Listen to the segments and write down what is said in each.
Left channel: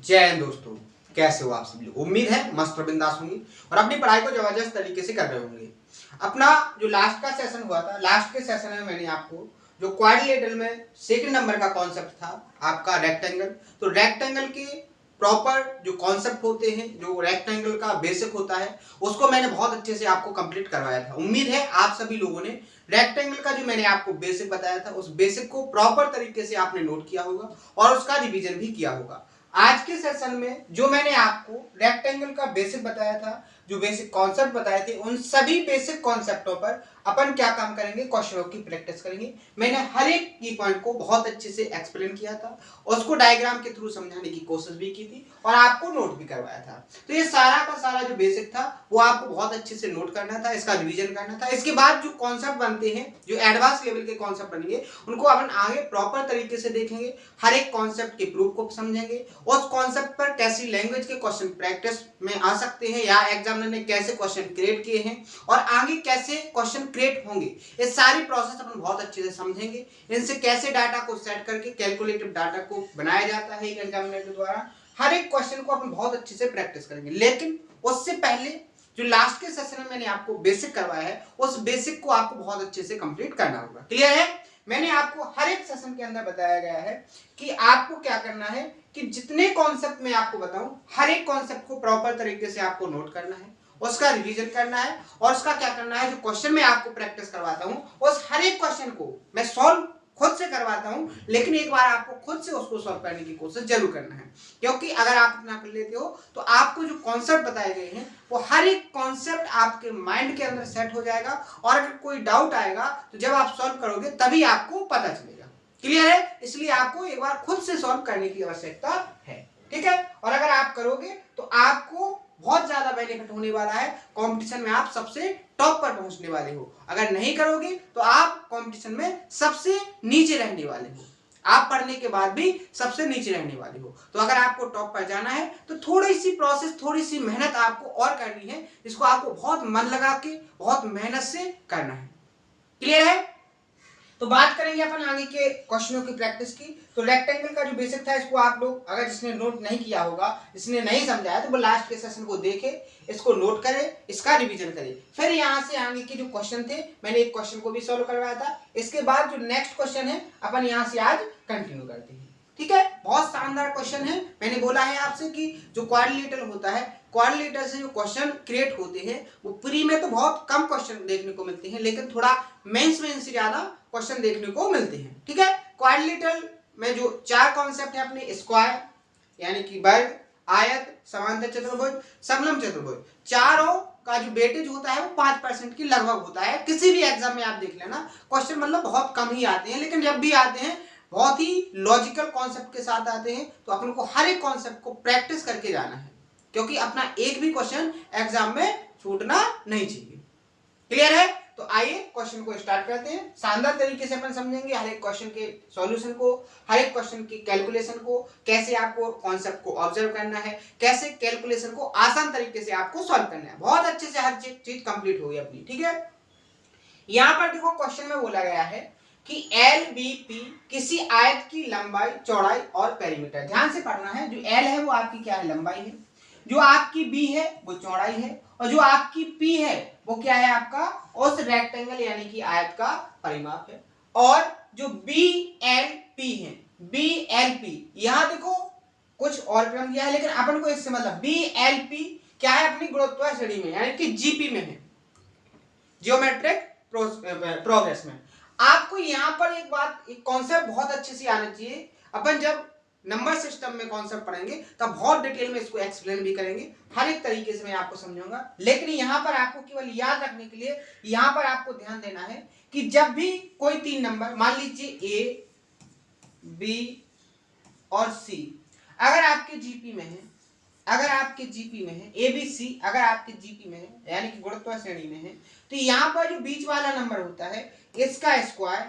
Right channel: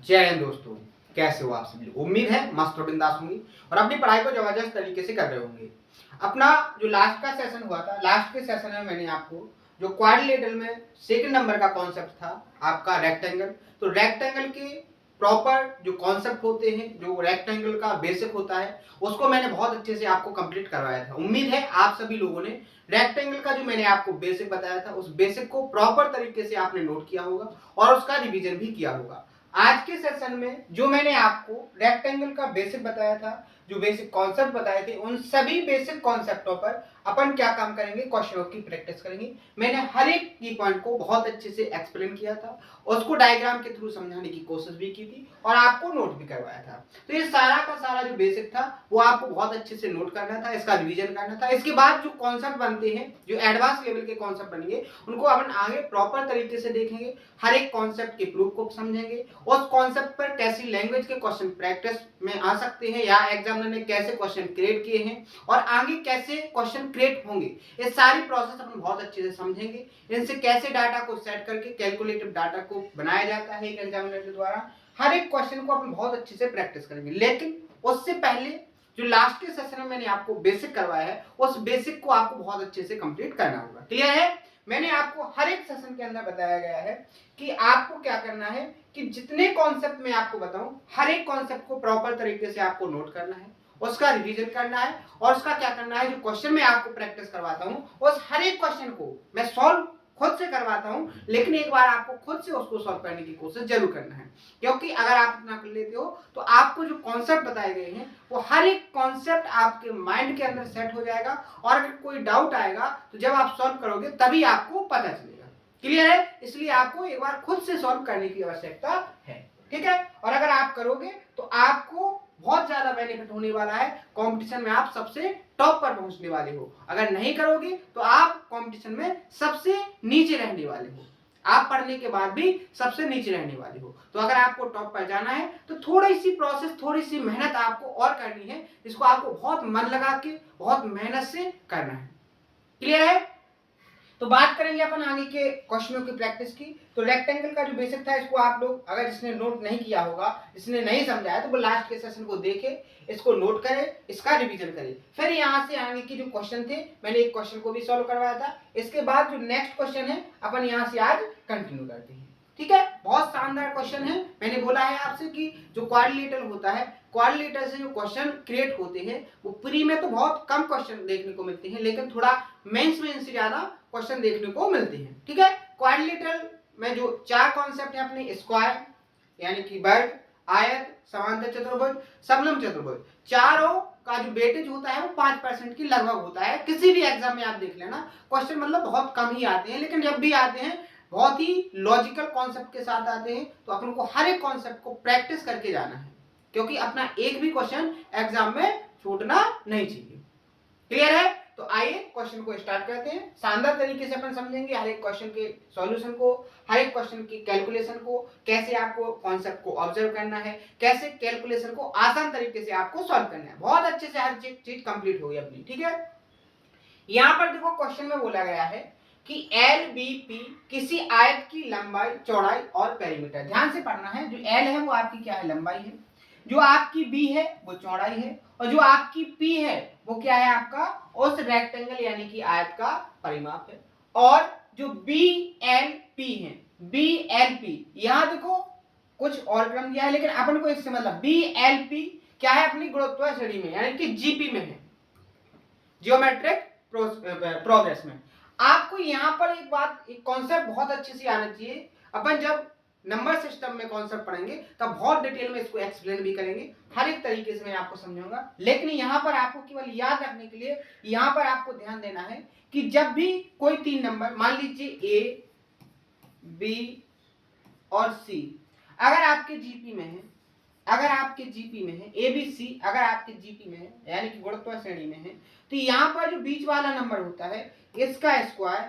जय हिंद दोस्तों, कैसे हो आप सभी लोग। उम्मीद है मस्त और बिंदास होंगे और अपनी पढ़ाई को जबरदस्त तरीके से कर रहे होंगे। अपना जो लास्ट का सेशन हुआ था, लास्ट के सेशन में मैंने आपको जो क्वाड्रिलेटरल में सेकंड नंबर का कॉन्सेप्ट था आपका रेक्टेंगल, तो रेक्टेंगल के प्रॉपर जो कॉन्सेप्ट होते हैं, जो रेक्टेंगल का बेसिक होता है, उसको मैंने बहुत अच्छे से आपको कंप्लीट करवाया था। उम्मीद है आप सभी लोगों ने रेक्टेंगल का जो मैंने आपको बेसिक बताया था, उस बेसिक को प्रॉपर तरीके से आपने नोट किया होगा और उसका रिवीजन भी किया होगा। आज के सेशन में जो मैंने आपको रेक्टेंगल का बेसिक बताया था, जो बेसिक कॉन्सेप्ट बताए थे, उन सभी बेसिक कॉन्सेप्टों पर अपन क्या काम करेंगे, क्वेश्चनों की प्रैक्टिस करेंगे। मैंने हर एक की पॉइंट को बहुत अच्छे से एक्सप्लेन किया था, उसको डायग्राम के थ्रू समझाने की कोशिश भी की थी और आपको नोट भी करवाया था। तो ये सारा का सारा जो बेसिक था वो आपको बहुत अच्छे से नोट करना था, इसका रिवीजन करना था। इसके बाद जो कॉन्सेप्ट बनते हैं, जो एडवांस लेवल के कॉन्सेप्ट बनेंगे, उनको अपन आगे प्रॉपर तरीके से देखेंगे, हर एक कॉन्सेप्ट के प्रूफ को समझेंगे, उस कॉन्सेप्ट पर कैसी लैंग्वेज के क्वेश्चन प्रैक्टिस में आ सकते हैं या एग्जामिनर ने कैसे क्वेश्चन क्रिएट किए हैं और आगे कैसे क्वेश्चन क्रिएट होंगे, ये सारी प्रोसेस अपन बहुत अच्छे से समझेंगे। इनसे कैसे डाटा को सेट करके कैलकुलेटिव डाटा को बनाया जाता है एक एग्जामिनर के द्वारा, हर एक क्वेश्चन को अपन बहुत अच्छे से प्रैक्टिस करेंगे। लेकिन उससे पहले जो लास्ट के सेशन में मैंने आपको बेसिक करवाया है, उस बेसिक को आपको बहुत अच्छे से कंप्लीट करना होगा। क्लियर है? मैंने आपको हर एक सेशन के अंदर बताया गया है कि आपको क्या करना है कि जितने कॉन्सेप्ट मैं आपको बताऊं, हर एक कॉन्सेप्ट को प्रॉपर तरीके से आपको नोट करना है, उसका रिवीजन करना है और उसका क्या करना है, जो क्वेश्चन मैं आपको प्रैक्टिस करवाता हूं उस हर एक क्वेश्चन को मैं सॉल्व खुद से करवाता हूं, लेकिन एक बार आपको खुद से उसको सॉल्व करने की कोशिश जरूर करना है। क्योंकि अगर आप इतना कर लेते हो तो आपको जो कॉन्सेप्ट बताए गए हैं वो हर एक कॉन्सेप्ट आपके माइंड के अंदर सेट हो जाएगा और अगर कोई डाउट आएगा तो जब आप सॉल्व करोगे तभी आपको पता चलेगा। क्लियर है? इसलिए आपको एक बार खुद से सॉल्व करने की आवश्यकता है। ठीक है? और अगर आप करोगे तो आपको बहुत ज्यादा बेनिफिट होने वाला है, कंपटीशन में आप सबसे टॉप पर पहुंचने वाले हो। अगर नहीं करोगे तो आप कंपटीशन में सबसे नीचे रहने वाले हो, आप पढ़ने के बाद भी सबसे नीचे रहने वाले हो। तो अगर आपको टॉप पर जाना है तो थोड़ी सी प्रोसेस, थोड़ी सी मेहनत आपको और करनी है, इसको आपको बहुत मन लगा के बहुत मेहनत से करना है। क्लियर है? तो बात करेंगे अपन आगे के क्वेश्चनों की प्रैक्टिस की। तो रेक्टेंगल का जो बेसिक था, इसको आप लोग अगर जिसने नोट नहीं किया होगा, जिसने नहीं समझा है, तो वो लास्ट के सेशन को देखे, इसको नोट करे, इसका रिवीजन करे। फिर यहाँ से आगे के जो क्वेश्चन थे, मैंने एक क्वेश्चन को भी सॉल्व करवाया था, इसके बाद जो नेक्स्ट क्वेश्चन है अपन यहाँ से आज कंटिन्यू करते हैं। ठीक है? बहुत शानदार क्वेश्चन है। मैंने बोला है आपसे कि जो क्वाड्रिलेटरल होता है, क्वाड्रिलेटरल से जो क्वेश्चन क्रिएट होते हैं वो प्री में तो बहुत कम क्वेश्चन देखने को मिलते हैं, लेकिन थोड़ा मेंस में इनसे ज्यादा क्वेश्चन देखने को मिलते हैं। ठीक है? क्वाड्रिलेटरल में जो चार कॉन्सेप्ट है अपने, स्क्वायर यानी कि वर्ग, आयत, समांतर चतुर्भुज, समलंब चतुर्भुज, चारों का जो वेटेज होता है वो 5% की लगभग होता है। किसी भी एग्जाम में आप देख लेना, क्वेश्चन मतलब बहुत कम ही आते हैं, लेकिन जब भी आते हैं बहुत ही लॉजिकल कॉन्सेप्ट के साथ आते हैं। तो अपन को हर एक कॉन्सेप्ट को प्रैक्टिस करके जाना है, क्योंकि अपना एक भी क्वेश्चन एग्जाम में छूटना नहीं चाहिए। क्लियर है? तो आइए क्वेश्चन को स्टार्ट करते हैं। शानदार तरीके से अपन समझेंगे हर एक क्वेश्चन के सॉल्यूशन को, हर एक क्वेश्चन की कैलकुलेशन को, कैसे आपको कॉन्सेप्ट को ऑब्जर्व करना है, कैसे कैलकुलेशन को आसान तरीके से आपको सॉल्व करना है। बहुत अच्छे से हर चीज कंप्लीट होगी अपनी। ठीक है? यहां पर देखो क्वेश्चन में बोला गया है कि एल बी पी किसी आयत की लंबाई, चौड़ाई और पेरीमीटर। ध्यान से पढ़ना है। जो एल है वो आपकी क्या है, लंबाई है, जो आपकी बी है वो चौड़ाई है, और जो आपकी पी है वो क्या है, आपका उस रेक्टेंगल यानी कि आयत का परिमाप है। और जो बी एल पी है, बी एल पी, यहां देखो कुछ और क्रम दिया है, लेकिन अपन को इससे मतलब बी एल पी क्या है, अपनी गुरुत्वाकर्षण श्रेणी में यानी कि जीपी में है, जियोमेट्रिक प्रोग्रेस में। आपको यहां पर एक बात, एक कॉन्सेप्ट बहुत अच्छे से आना चाहिए। अपन जब नंबर सिस्टम में कॉन्सेप्ट पढ़ेंगे तब बहुत डिटेल में इसको एक्सप्लेन भी करेंगे, हर एक तरीके से मैं आपको समझाऊंगा। लेकिन यहां पर आपको केवल याद रखने के लिए यहां पर आपको ध्यान देना है कि जब भी कोई तीन नंबर, मान लीजिए ए, बी और सी, अगर आपके जीपी में है, अगर आपके जीपी में है, ए बी सी अगर आपके जीपी में है यानी कि गुरुत्वाकर्षण श्रेणी में है, तो यहां पर जो बीच वाला नंबर होता है इसका स्क्वायर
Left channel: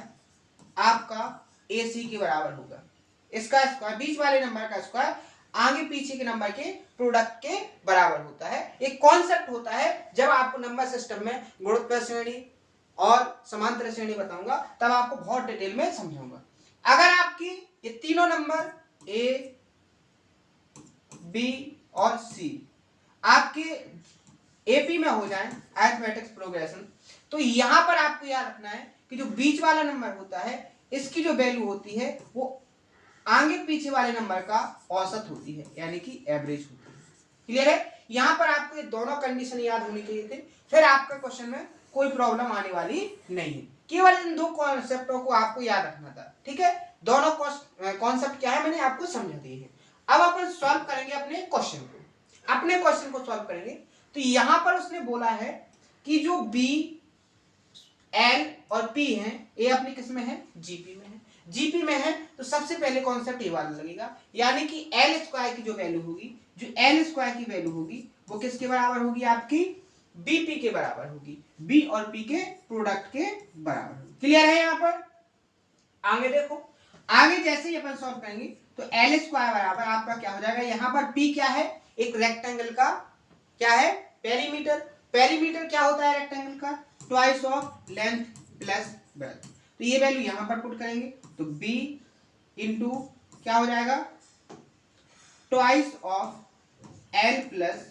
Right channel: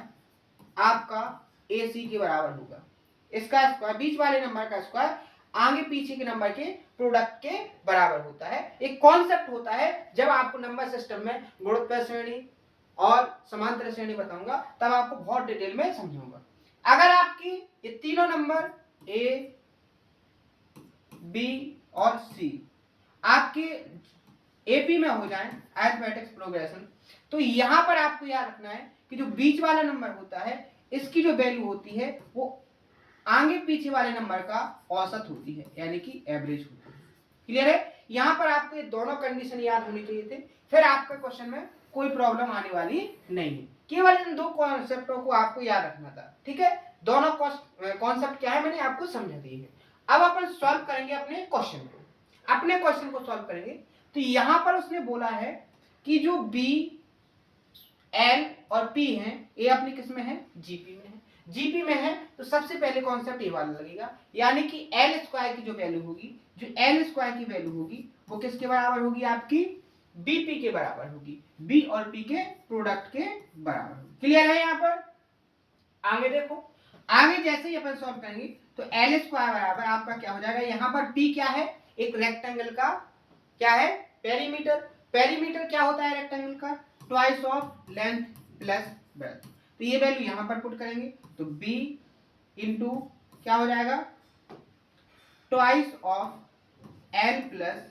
आपका ए सी के बराबर होगा। इसका स्क्वायर, बीच वाले नंबर का स्क्वायर आगे पीछे के नंबर के प्रोडक्ट के बराबर होता है। एक कॉन्सेप्ट होता है, जब आपको नंबर सिस्टम में गुरुत्वाकर्षण श्रेणी और समांतर श्रेणी बताऊंगा तब आपको बहुत डिटेल में समझाऊंगा। अगर आपकी ये तीनों नंबर ए बी और सी आपके एपी में हो जाए अरिथमेटिक्स प्रोग्रेशन, तो यहां पर आपको याद रखना है कि जो बीच वाला नंबर होता है इसकी जो वैल्यू होती है वो आगे पीछे वाले नंबर का औसत होती है, यानी कि एवरेज होती है। क्लियर है? यहां पर आपको ये दोनों कंडीशन याद होनी चाहिए थे, फिर आपका क्वेश्चन में कोई प्रॉब्लम आने वाली नहीं है। केवल इन दो कॉन्सेप्टों को आपको याद रखना था। ठीक है, दोनों कॉन्सेप्ट क्या है मैंने आपको समझा दिए हैं। अब अपन सॉल्व करेंगे अपने क्वेश्चन को। अपने क्वेश्चन को सॉल्व करेंगे तो यहां पर उसने बोला है कि जो बी एल और पी है ये अपनी किस में है, जीपी में है। जीपी में है तो सबसे पहले कॉन्सेप्ट ये वाला लगेगा, यानी कि एल स्क्वायर की जो वैल्यू होगी, जो एल स्क्वायर की वैल्यू होगी वो किसके बराबर होगी, आपकी बीपी के बराबर होगी, बी और पी के प्रोडक्ट के बराबर होगी। क्लियर है? यहां पर आगे देखो, आगे जैसे ही अपन सॉल्व करेंगे तो एल स्क्वायर बराबर आपका क्या हो जाएगा, यहां पर पी क्या है, एक रेक्टेंगल का क्या है, पेरीमीटर। पेरीमीटर क्या होता है रेक्टेंगल का, twice of length plus breadth. तो ये वैल्यू यहां पर पुट करेंगे तो b इंटू क्या हो जाएगा, twice of l plus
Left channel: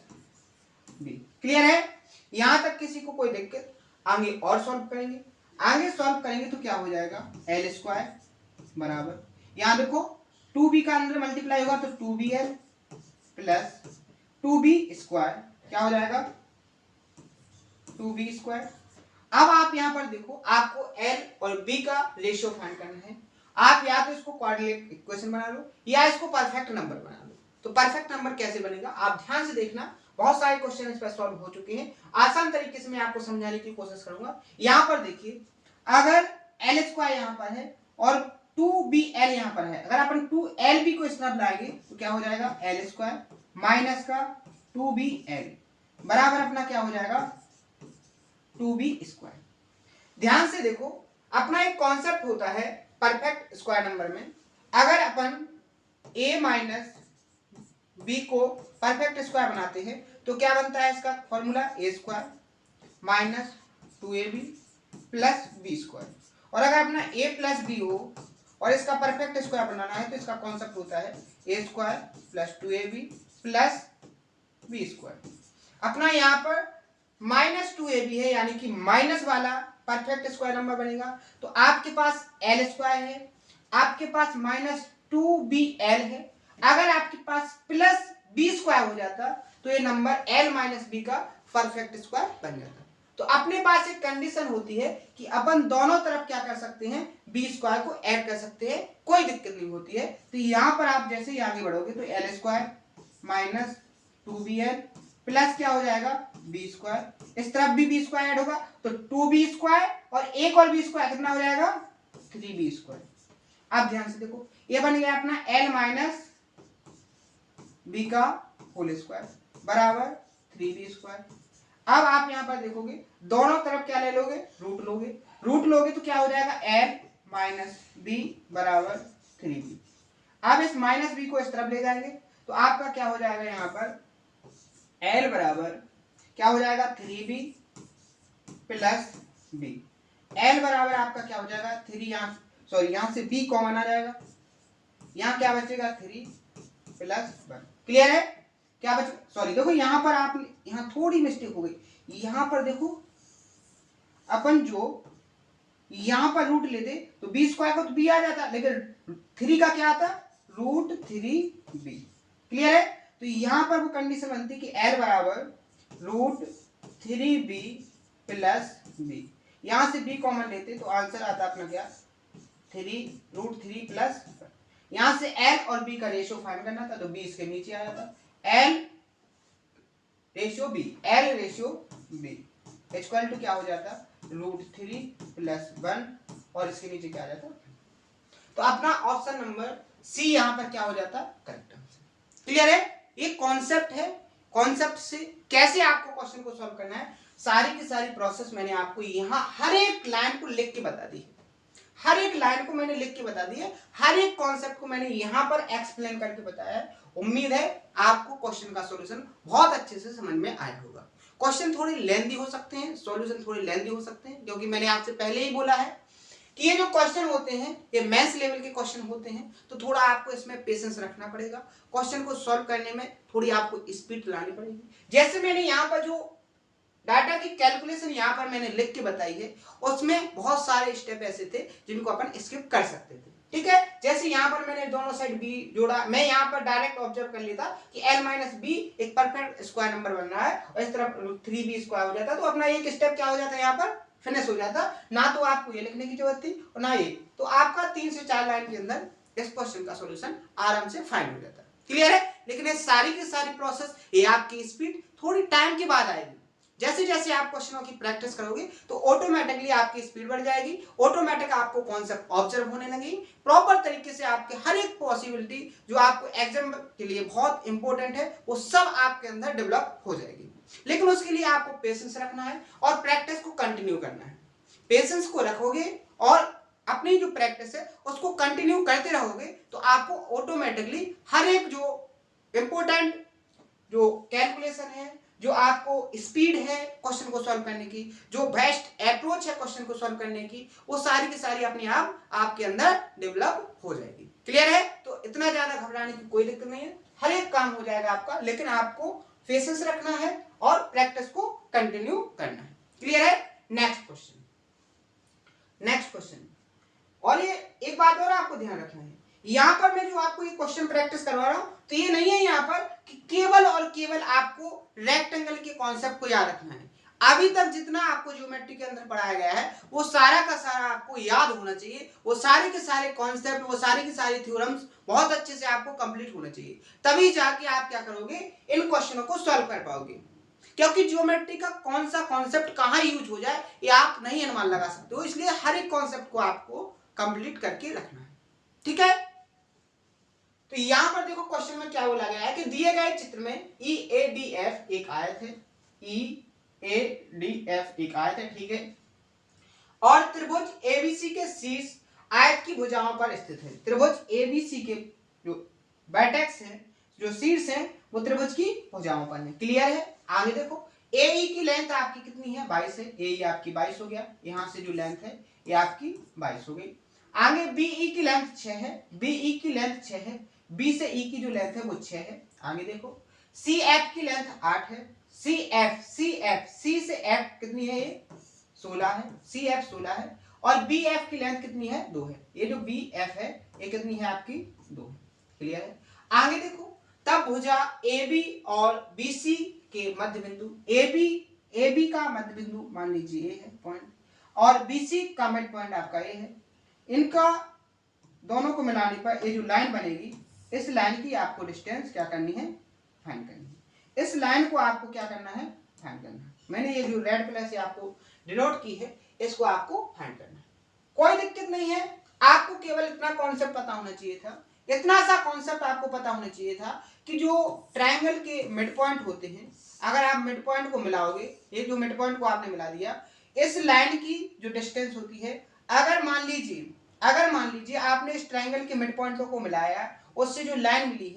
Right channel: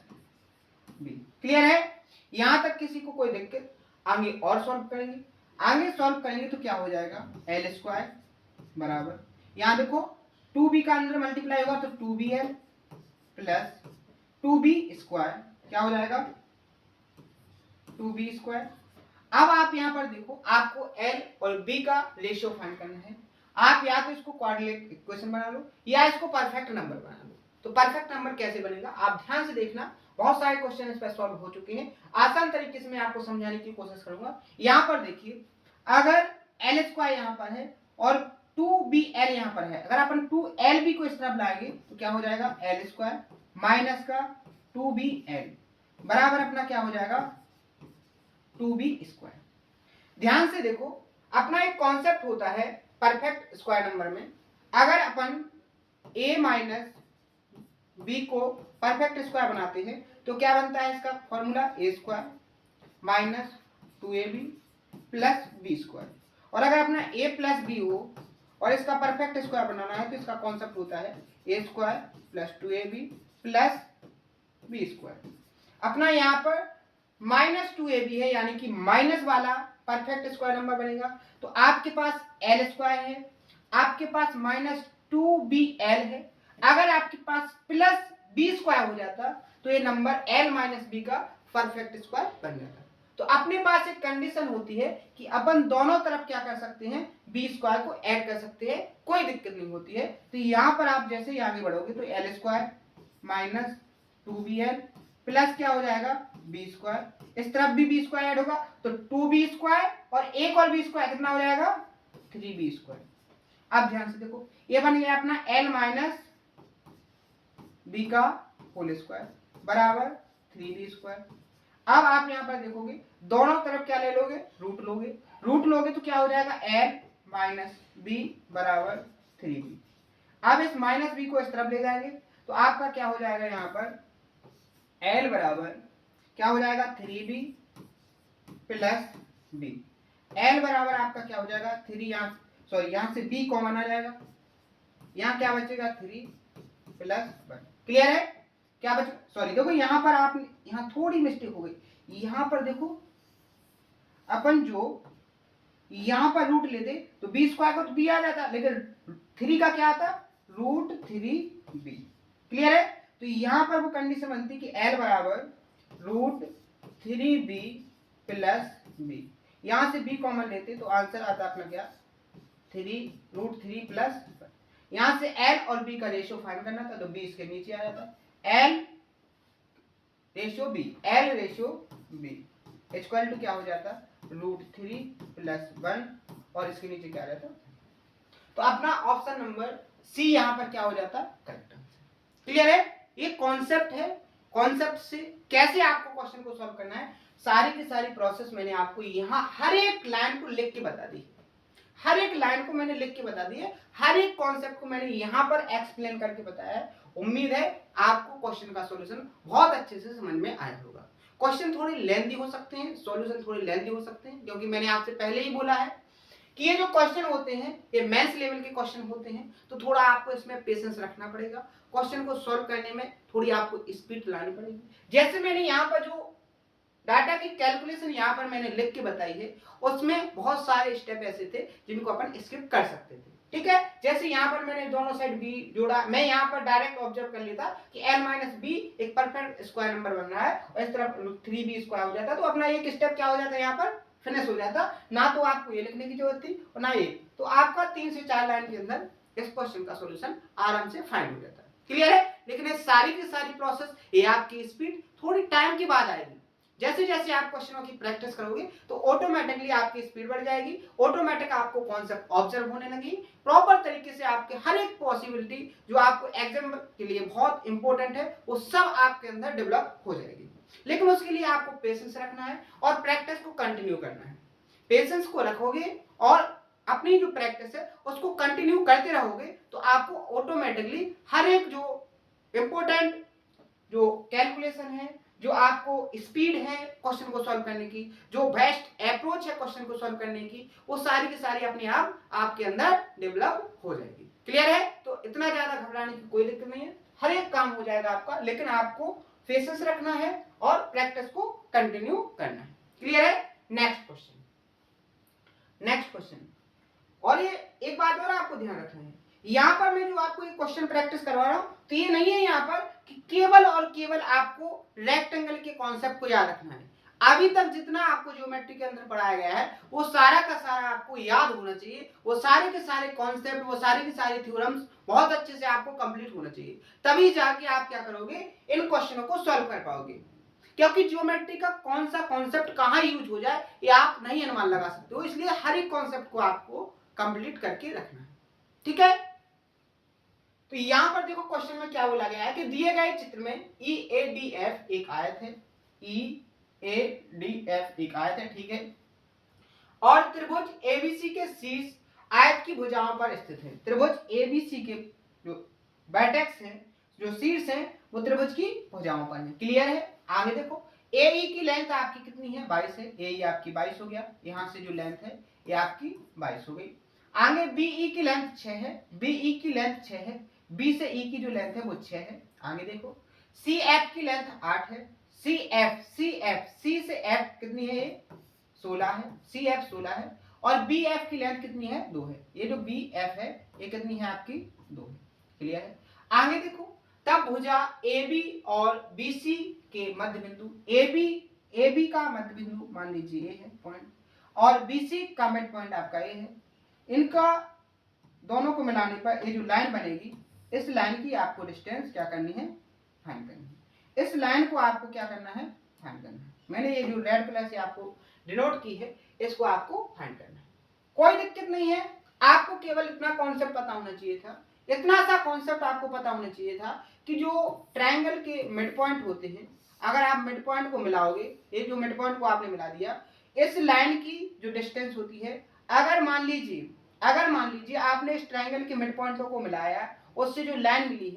b। Clear है? यहां तक किसी को कोई दिक्कत? आगे और सॉल्व करेंगे, आगे सॉल्व करेंगे तो क्या हो जाएगा, एल स्क्वायर बराबर, यहां देखो 2b का अंदर मल्टीप्लाई होगा तो 2bl प्लस 2b स्क्वायर क्या हो जाएगा, 2b स्क्वायर। अब आप यहां पर देखो आपको l और b का रेशियो फाइंड करना है। आप या तो इसको क्वाड्रेटिक इक्वेशन बना लो या इसको परफेक्ट नंबर बना लो। तो परफेक्ट नंबर कैसे बनेगा आप ध्यान से देखना, बहुत सारे क्वेश्चन इस पर सॉल्व हो चुके हैं, आसान तरीके से मैं आपको समझाने की कोशिश करूंगा। यहां पर देखिए, अगर एल स्क्वायर यहां पर है और 2bl यहां पर है, अगर अपन 2lb को इस तरफ लाएंगे तो क्या हो जाएगा, एल स्क्वायर माइनस का 2bl बराबर अपना क्या हो जाएगा, 2b स्क्वायर। ध्यान से देखो, अपना एक कॉन्सेप्ट होता है परफेक्ट स्क्वायर नंबर में, अगर अपन a माइनस बी को परफेक्ट स्क्वायर बनाते हैं तो क्या बनता है इसका formula, A square minus 2ab plus B square. और अगर अपना a प्लस बी हो और इसका परफेक्ट स्क्वायर बनाना है तो इसका कॉन्सेप्ट होता है A square plus 2ab plus B square. अपना यहाँ पर माइनस 2ab है, यानी कि माइनस वाला परफेक्ट स्क्वायर नंबर बनेगा। तो आपके पास एल स्क्वायर है, आपके पास माइनस 2bl है, अगर आपके पास प्लस बी स्क्वायर हो जाता तो ये नंबर l माइनस बी का परफेक्ट स्क्वायर बन जाता। तो अपने पास एक कंडीशन होती है कि अपन दोनों तरफ क्या कर सकते हैं, बी स्क्वायर को ऐड कर सकते हैं, कोई दिक्कत नहीं होती है। तो यहां पर आप जैसे ही आगे बढ़ोगे तो L square minus 2bl plus क्या हो जाएगा, बी स्क्वायर, इस तरफ भी बी स्क्वायर ऐड होगा तो 2b स्क्वायर और एक और बी स्क्वायर कितना हो जाएगा, 3b स्क्वायर। अब ध्यान से देखो, ये बन गया अपना l माइनस बी का होल स्क्वायर बराबर 3b स्क्वायर। अब आप यहां पर देखोगे दोनों तरफ क्या ले लोगे, रूट लोगे, रूट लोगे तो क्या हो जाएगा, l माइनस बी बराबर 3b। अब इस माइनस बी को इस तरफ ले जाएंगे तो आपका क्या हो जाएगा, यहां पर l बराबर क्या हो जाएगा, 3b प्लस b। l बराबर आपका क्या हो जाएगा, 3, यहां सॉरी यहां से b कॉमन आ जाएगा, यहां क्या बचेगा, 3 प्लस 1। क्लियर है? क्या बचे, सॉरी देखो यहां पर आप यहां थोड़ी मिस्टेक हो गई, यहां पर देखो अपन जो यहां पर रूट लेते तो बी स्क्वायर का तो बी आ जाता, लेकिन 3 का क्या आता, रूट 3b। क्लियर है? तो यहां पर वो कंडीशन बनती कि l बराबर रूट 3b प्लस b, यहां से b कॉमन लेते तो आंसर आता अपना क्या, 3 रूट 3 प्लस, यहां से l और b का रेशियो फाइंड करना था तो b इसके नीचे आ जाता, l ratio b, l ratio b equal to क्या हो जाता, रूट 3 प्लस 1 और इसके नीचे क्या आ जाता। तो अपना ऑप्शन नंबर सी यहां पर क्या हो जाता, करेक्ट आंसर। क्लियर है? ये कॉन्सेप्ट है, कॉन्सेप्ट से कैसे आपको क्वेश्चन को सॉल्व करना है सारी की सारी प्रोसेस मैंने आपको यहां हर एक लाइन को लिख के बता दी, हर एक लाइन को मैंने लिख के बता दी है, हर एक कॉन्सेप्ट को मैंने यहां पर एक्सप्लेन करके बताया है। उम्मीद है आपको क्वेश्चन का सॉल्यूशन बहुत अच्छे से समझ में आया होगा। क्वेश्चन थोड़े लेंथी हो सकते हैं, सॉल्यूशन थोड़े लेंथी हो सकते हैं, क्योंकि मैंने आपसे पहले ही बोला है कि ये जो क्वेश्चन होते हैं ये मैथ्स लेवल के क्वेश्चन होते हैं, तो थोड़ा आपको इसमें पेशेंस रखना पड़ेगा। क्वेश्चन को सॉल्व करने में थोड़ी आपको स्पीड लानी पड़ेगी। जैसे मैंने यहाँ पर जो डाटा की कैलकुलेशन यहाँ पर मैंने लिख के बताई है, उसमें बहुत सारे स्टेप ऐसे थे जिनको अपन स्किप कर सकते थे। ठीक है, जैसे यहाँ पर मैंने दोनों साइड बी जोड़ा, मैं यहाँ पर डायरेक्ट ऑब्जर्व कर लेता कि l माइनस बी एक परफेक्ट स्क्वायर नंबर बन रहा है और इस तरफ 3b स्क्वायर हो जाता, तो अपना एक स्टेप क्या हो जाता है यहाँ पर फिनिश हो जाता, ना तो आपको ये लिखने की जरूरत थी और ना ये, तो आपका 3 से 4 लाइन के अंदर इस क्वेश्चन का सॉल्यूशन आराम से फाइंड हो जाता है। क्लियर है? लेकिन ये सारी की सारी प्रोसेस, ये आपकी स्पीड थोड़ी टाइम के बाद आएगी। जैसे जैसे आप क्वेश्चनों की प्रैक्टिस करोगे तो ऑटोमेटिकली आपकी स्पीड बढ़ जाएगी, ऑटोमेटिक आपको कॉन्सेप्ट ऑब्जर्व होने लगेगी, प्रॉपर तरीके से आपके हर एक पॉसिबिलिटी जो आपको एग्जाम के लिए बहुत इंपॉर्टेंट है वो सब आपके अंदर डेवलप हो जाएगी। लेकिन उसके लिए आपको पेशेंस रखना है और प्रैक्टिस को कंटिन्यू करना है। पेशेंस को रखोगे और अपनी जो प्रैक्टिस है उसको कंटिन्यू करते रहोगे तो आपको ऑटोमेटिकली हर एक जो इंपॉर्टेंट जो कैलकुलेशन है, जो आपको स्पीड है क्वेश्चन को सॉल्व करने की, जो बेस्ट अप्रोच है क्वेश्चन को सॉल्व करने की, वो सारी की सारी अपने आप आपके अंदर डेवलप हो जाएगी। क्लियर है? तो इतना ज्यादा घबराने की कोई दिक्कत नहीं है, हर एक काम हो जाएगा आपका, लेकिन आपको पेशेंस रखना है और प्रैक्टिस को कंटिन्यू करना है। क्लियर है? Next question, next question. और ये एक बात और आपको ध्यान रखना है, यहां पर मैं जो आपको ये क्वेश्चन प्रैक्टिस करवा रहा हूं तो ये नहीं है यहां पर कि केवल और केवल आपको रेक्टेंगल के कॉन्सेप्ट को याद रखना है। अभी तक जितना आपको ज्योमेट्री के अंदर पढ़ाया गया है वो सारा का सारा आपको याद होना चाहिए, वो सारे के सारे कॉन्सेप्ट, वो सारी की सारी थ्योरम्स बहुत अच्छे से आपको कंप्लीट होना चाहिए, तभी जाके आप क्या करोगे, इन क्वेश्चनों को सॉल्व कर पाओगे। क्योंकि ज्योमेट्री का कौन सा कॉन्सेप्ट कहां यूज हो जाए ये आप नहीं अनुमान लगा सकते हो, इसलिए हर एक कॉन्सेप्ट को आपको कंप्लीट करके रखना है। ठीक है? तो यहां पर देखो क्वेश्चन में क्या बोला गया है कि दिए गए चित्र में EADF एक आयत है, EADF एक आयत है, ठीक है, और त्रिभुज ABC के शीर्ष आयत की भुजाओं पर स्थित है। त्रिभुज ABC के जो वर्टेक्स हैं, जो शीर्ष हैं, वो त्रिभुज की भुजाओं पर है। क्लियर है? आगे देखो, AE की लेंथ आपकी कितनी है, 22 है, AE आपकी 22 हो गया, यहां से जो लेंथ है ये आपकी 22 हो गई। आगे BE की लेंथ 6 है, BE की लेंथ 6 है, B से E की जो लेंथ है वो 6 है। आगे देखो, CF की लेंथ 8 है, C से F कितनी है, ये 16 है, CF 16 है, और BF की लेंथ कितनी है, 2 है। ये जो BF है ये कितनी है आपकी, 2 है। क्लियर है? आगे देखो, तब भुजा AB और BC के मध्य बिंदु, AB का मध्य बिंदु मान लीजिए ये है पॉइंट, और BC का मिड पॉइंट आपका ये है, इनका दोनों को मिलाने पर ये जो लाइन बनेगी, इस लाइन की आपको डिस्टेंस क्या करनी है, फाइंड करनी है। इस लाइन को आपको क्या करना है, फाइंड करना है। मैंने ये जो रेड कलर से आपको डिनोट की है इसको आपको फाइंड करना है। कोई दिक्कत नहीं है, आपको केवल इतना कॉन्सेप्ट पता होना चाहिए था, इतना सा कॉन्सेप्ट आपको पता होना चाहिए था कि जो ट्रायंगल के मिड पॉइंट होते हैं, अगर आप मिड पॉइंट को मिलाओगे, ये जो मिड पॉइंट को आपने मिला दिया, इस लाइन की जो डिस्टेंस होती है, अगर मान लीजिए आपने इस ट्रायंगल के मिड पॉइंटों को मिलाया, उससे जो लाइन मिली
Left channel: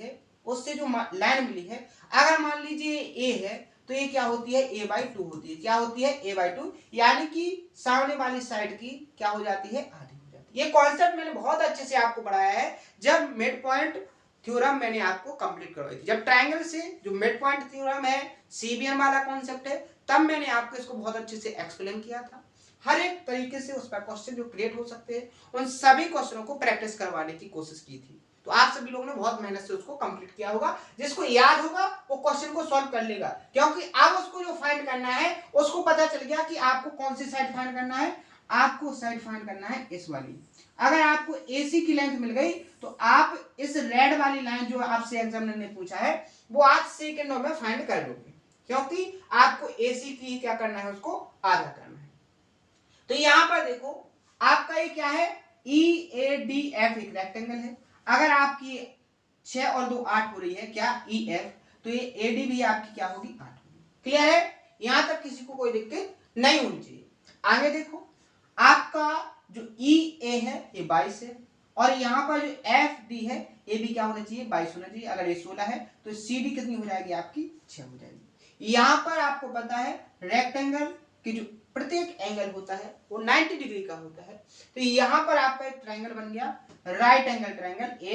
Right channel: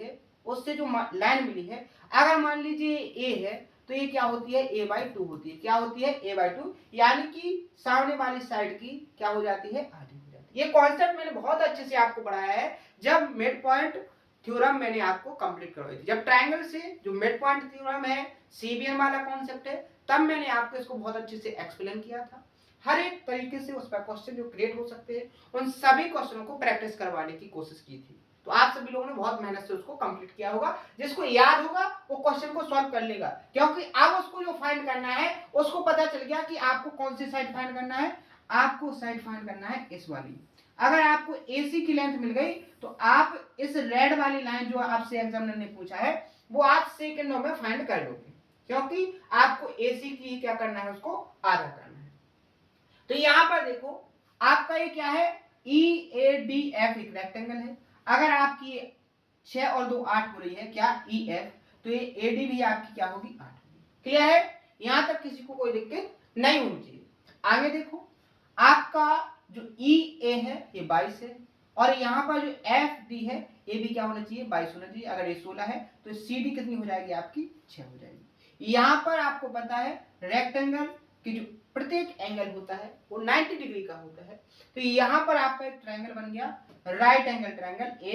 है, अगर मान लीजिए ए है तो ये क्या होती है, a/2 होती है। क्या होती है, a/2, यानी कि सामने वाली साइड की क्या हो जाती है, आधी हो जाती है। ये कॉन्सेप्ट मैंने बहुत अच्छे से आपको पढ़ाया है जब मिड पॉइंट थ्योरम मैंने आपको कंप्लीट करवाई थी, जब ट्रायंगल से जो मिड पॉइंट थ्योरम है, CBN वाला कॉन्सेप्ट है, तब मैंने आपको इसको बहुत अच्छे से एक्सप्लेन किया था। हर एक तरीके से उस पर क्वेश्चन जो क्रिएट हो सकते हैं, उन सभी क्वेश्चनों को प्रैक्टिस करवाने की कोशिश की थी। तो आप सभी लोगों ने बहुत मेहनत से उसको कंप्लीट किया होगा। जिसको याद होगा वो क्वेश्चन को सॉल्व कर लेगा, क्योंकि अब उसको जो फाइंड करना है उसको पता चल गया कि आपको कौन सी साइड फाइंड करना है। आपको साइड फाइंड करना है इस वाली। अगर आपको AC की लेंथ मिल गई तो आप इस रेड वाली लाइन जो आपसे एग्जामिनर ने पूछा है वो आप सेकंडों में फाइंड कर लोगे, क्योंकि आपको AC की क्या करना है, उसको आधा करना है। तो यहां पर देखो, आपका ये क्या है, EADF एक रेक्टेंगल है। अगर आपकी 6 और 2 8 हो रही है, क्या EF, तो ये AD भी आपकी क्या होगी, 8 होगी। क्लियर है? यहां तक किसी को कोई दिक्कत नहीं होनी चाहिए। आगे देखो, आपका जो EA है ये 22 है, और यहाँ पर जो FD है ये भी क्या होना चाहिए, 22 होना चाहिए। अगर ये 16 है तो CD कितनी हो जाएगी आपकी, 6 हो जाएगी। यहाँ पर आपको पता है रेक्टेंगल की जो प्रत्येक एंगल होता है वो 90 डिग्री का होता है। तो यहाँ पर आपका एक ट्रायंगल बन गया, राइट एंगल ट्रायंगल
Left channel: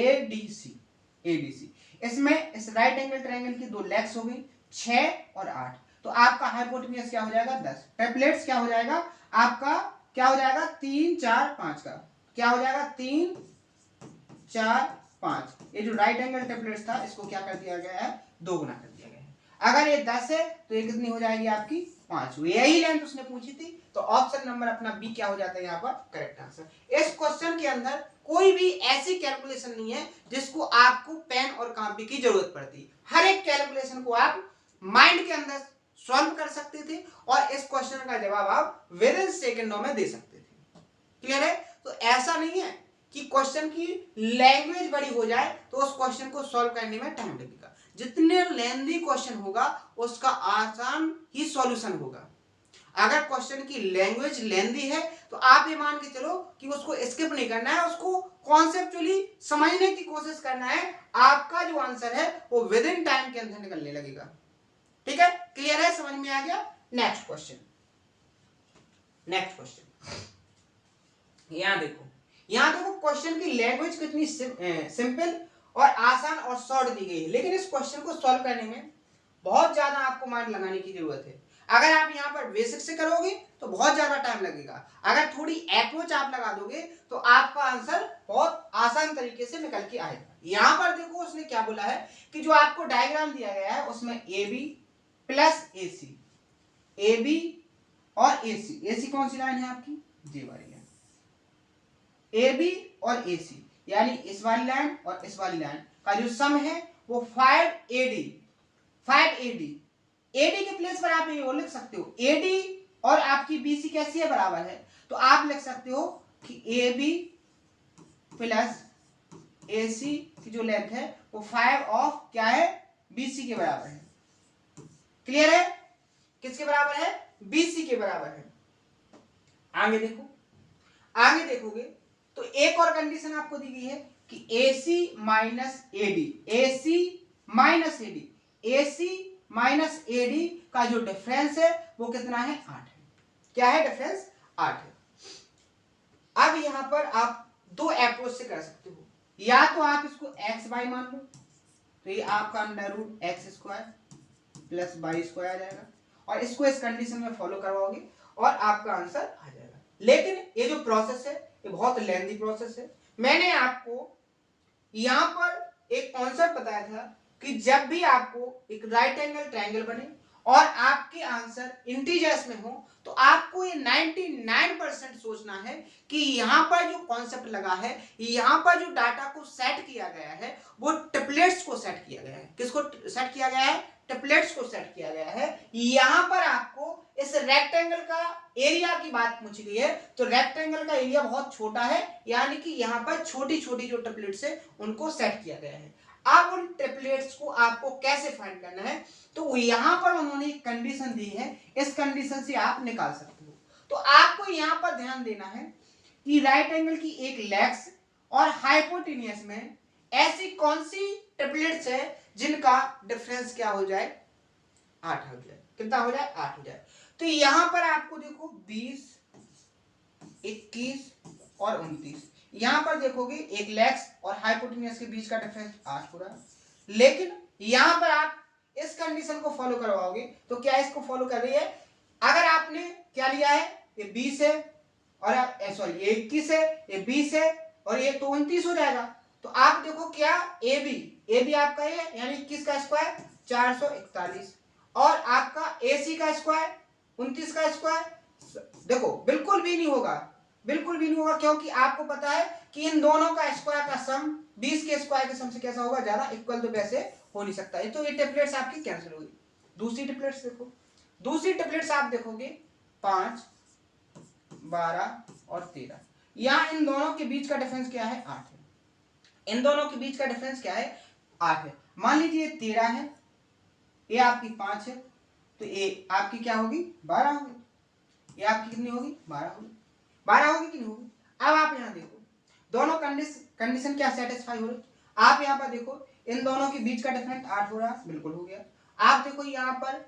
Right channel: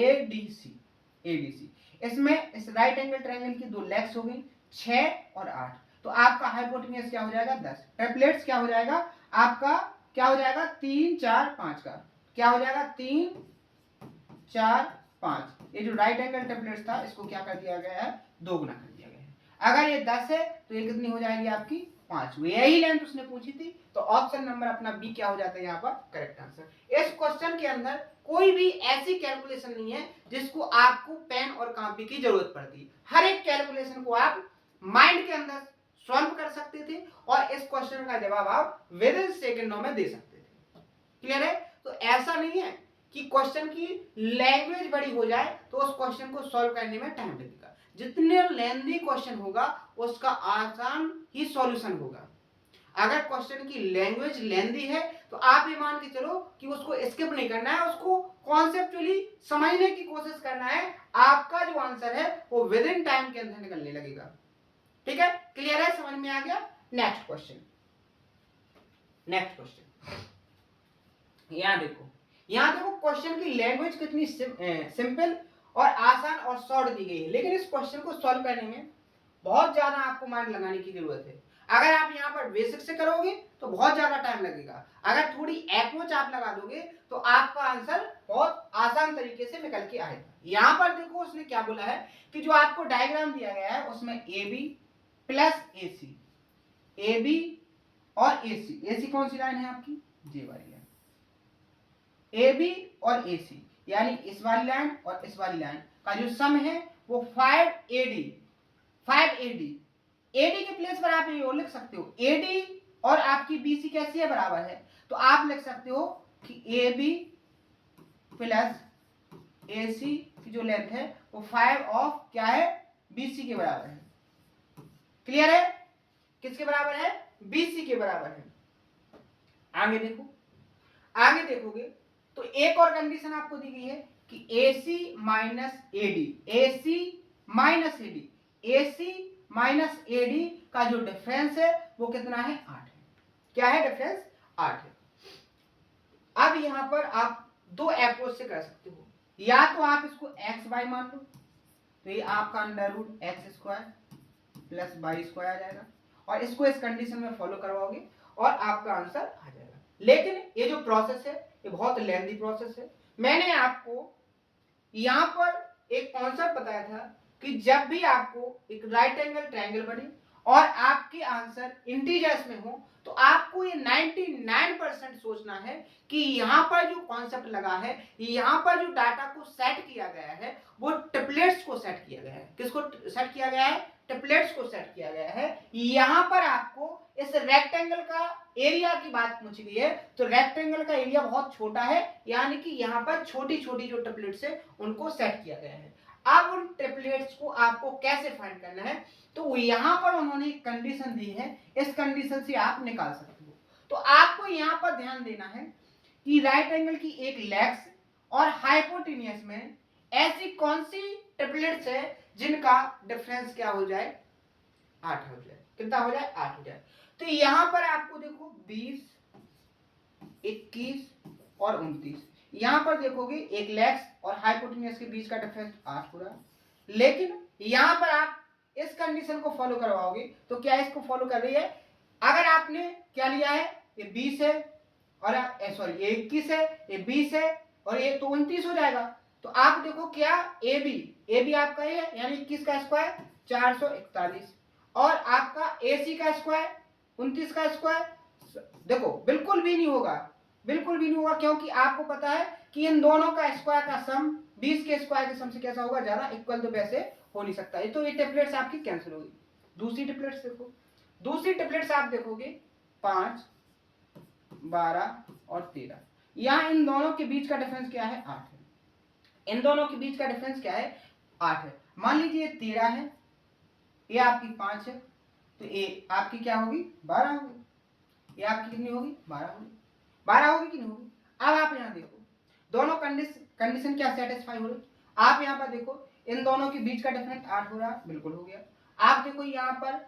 एडीसी। इसमें इस राइट एंगल ट्रायंगल की दो लेग्स हो गई 6 और 8। तो आपका हाइपोटेन्यूज क्या हो जाएगा 10। ट्रिपलेट्स क्या हो जाएगा आपका, क्या हो जाएगा 3 4 5 का, क्या हो जाएगा 3 4 5। ये जो राइट एंगल ट्रिपलेट्स था इसको क्या कर दिया गया है, 2 गुना कर दिया गया है। अगर ये 10 है तो ये कितनी हो जाएगी आपकी 5। यही लेंथ उसने पूछी थी, तो ऑप्शन नंबर अपना बी क्या हो जाता है यहाँ पर करेक्ट आंसर। इस क्वेश्चन के अंदर कोई भी ऐसी कैलकुलेशन नहीं है जिसको आपको पेन और कॉपी की जरूरत पड़ती। हर एक कैलकुलेशन को आप माइंड के अंदर सॉल्व कर सकते थे और इस क्वेश्चन का जवाब आप विद इन सेकेंडों में दे सकते थे। क्लियर है? तो ऐसा नहीं है कि क्वेश्चन की लैंग्वेज बड़ी हो जाए तो उस क्वेश्चन को सॉल्व करने में टाइम लगेगा। जितने लेंथी क्वेश्चन होगा उसका आसान ही सॉल्यूशन होगा। अगर क्वेश्चन की लैंग्वेज लेंथी है तो आप ये मान के चलो कि उसको स्किप नहीं करना है, उसको कॉन्सेप्चुअली समझने की कोशिश करना है। आपका जो आंसर है वो विद इन टाइम के अंदर निकलने लगेगा। ठीक है, क्लियर है, समझ में आ गया? नेक्स्ट क्वेश्चन यहां देखो क्वेश्चन की लैंग्वेज कितनी सिंपल और आसान और शॉर्ट दी गई है, लेकिन इस क्वेश्चन को सॉल्व करने में बहुत ज्यादा आपको माइंड लगाने की जरूरत है। अगर आप यहाँ पर बेसिक से करोगे तो बहुत ज्यादा टाइम लगेगा, अगर थोड़ी अप्रोच आप लगा दोगे तो आपका आंसर बहुत आसान तरीके से निकल के आएगा। यहाँ पर देखो उसने क्या बोला है कि जो आपको डायग्राम दिया गया है उसमें A B plus A C, A B और ए सी, ए सी कौन सी लाइन है आपकी, जी वाली लाइन, ए बी और ए सी यानी इस वाली लाइन और इस वाली लाइन का जो सम है वो 5AD एडी के प्लेस पर आप ये और लिख सकते हो एडी और आपकी बीसी कैसी है, बराबर है। तो आप लिख सकते हो कि ए बी प्लस ए सी की जो लेंथ है वो 5 ऑफ क्या है, बीसी के बराबर है। क्लियर है? किसके बराबर है, बीसी के बराबर है। आगे देखोगे तो एक और कंडीशन आपको दी गई है कि AC minus AD, AC minus AD का जो डिफरेंस है वो कितना है, 8 है। क्या है डिफरेंस, 8 है। अब यहां पर आप दो अप्रोच से कर सकते हो, या तो आप इसको एक्स वाई मान लो तो ये आपका under root X square plus Y square आ जाएगा और इसको इस कंडीशन में फॉलो करवाओगे और आपका आंसर आ जाएगा। लेकिन ये जो प्रोसेस है ये बहुत लेंथी प्रोसेस है। मैंने आपको यहां पर एक कॉन्सेप्ट बताया था कि जब भी आपको एक राइट एंगल ट्रायंगल बने और आपके आंसर इंटीजर्स में हो तो आपको ये 99% सोचना है कि यहाँ पर जो कॉन्सेप्ट लगा है, यहाँ पर जो डाटा को सेट किया गया है वो ट्रिपलेट्स को सेट किया गया है। किसको सेट किया गया है, ट्रिपलेट्स को सेट किया गया है। यहाँ पर आपको इस रेक्टेंगल का एरिया की बात पूछी गई है तो रेक्टेंगल का एरिया बहुत छोटा है, यानी कि यहाँ पर छोटी छोटी जो ट्रिपलेट्स है उनको सेट किया गया है। अब उन ट्रिपलेट्स को आपको कैसे फाइंड करना है, तो यहां पर उन्होंने एक कंडीशन दी है, इस कंडीशन से आप निकाल सकते हो। तो आपको यहां पर ध्यान देना है कि राइट एंगल की एक लेग्स और हाइपोटेन्यूज में ऐसी कौन सी ट्रिपलेट्स है जिनका डिफरेंस क्या हो जाए, 8 हो जाए। कितना हो जाए, 8 हो जाए। तो यहां पर आपको देखो 20, 21 और 29, यहां पर देखोगे एक लेग्स और हाइपोटेन्यूज के बीच का डिफरेंस 8 हो रहा है। लेकिन यहां पर आप इस कंडीशन को फॉलो करवाओगे तो क्या इसको फॉलो कर रही है, अगर आपने क्या लिया है, ये 20 है और सॉरी ये 21 है, ये 20 है और ये तो 29 हो जाएगा। तो आप देखो क्या ए बी आपका ये यानी 21 का स्क्वायर 441 और आपका AC का स्क्वायर 29 का स्क्वायर, देखो बिल्कुल भी नहीं होगा, क्योंकि आपको पता है कि इन दोनों का स्क्वायर का सम 20 के स्क्वायर के सम से कैसा होगा, ज्यादा इक्वल, तो वैसे हो नहीं सकता। तो ये ट्रिपलेट्स आपकी कैंसिल होगी। दूसरी ट्रिपलेट्स देखो, दूसरी ट्रिपलेट्स आप देखोगे 5, 12 और 13, यहां इन दोनों के बीच का डिफरेंस क्या है, 8 है। इन दोनों के बीच का डिफरेंस क्या है, 8 है। मान लीजिए 13 है, ये आपकी 5 है, तो ये आपकी क्या होगी, 12 होगी। ये आपकी कितनी होगी, 12 होगी। 12 होगी कि नहीं होगी। अब आप यहां देखो दोनों कंडीशन क्या सेटिस्फाई हो रही, आप यहां पर देखो इन दोनों के बीच का डिफरेंस 8 हो रहा है, बिल्कुल हो गया। आप देखो यहां पर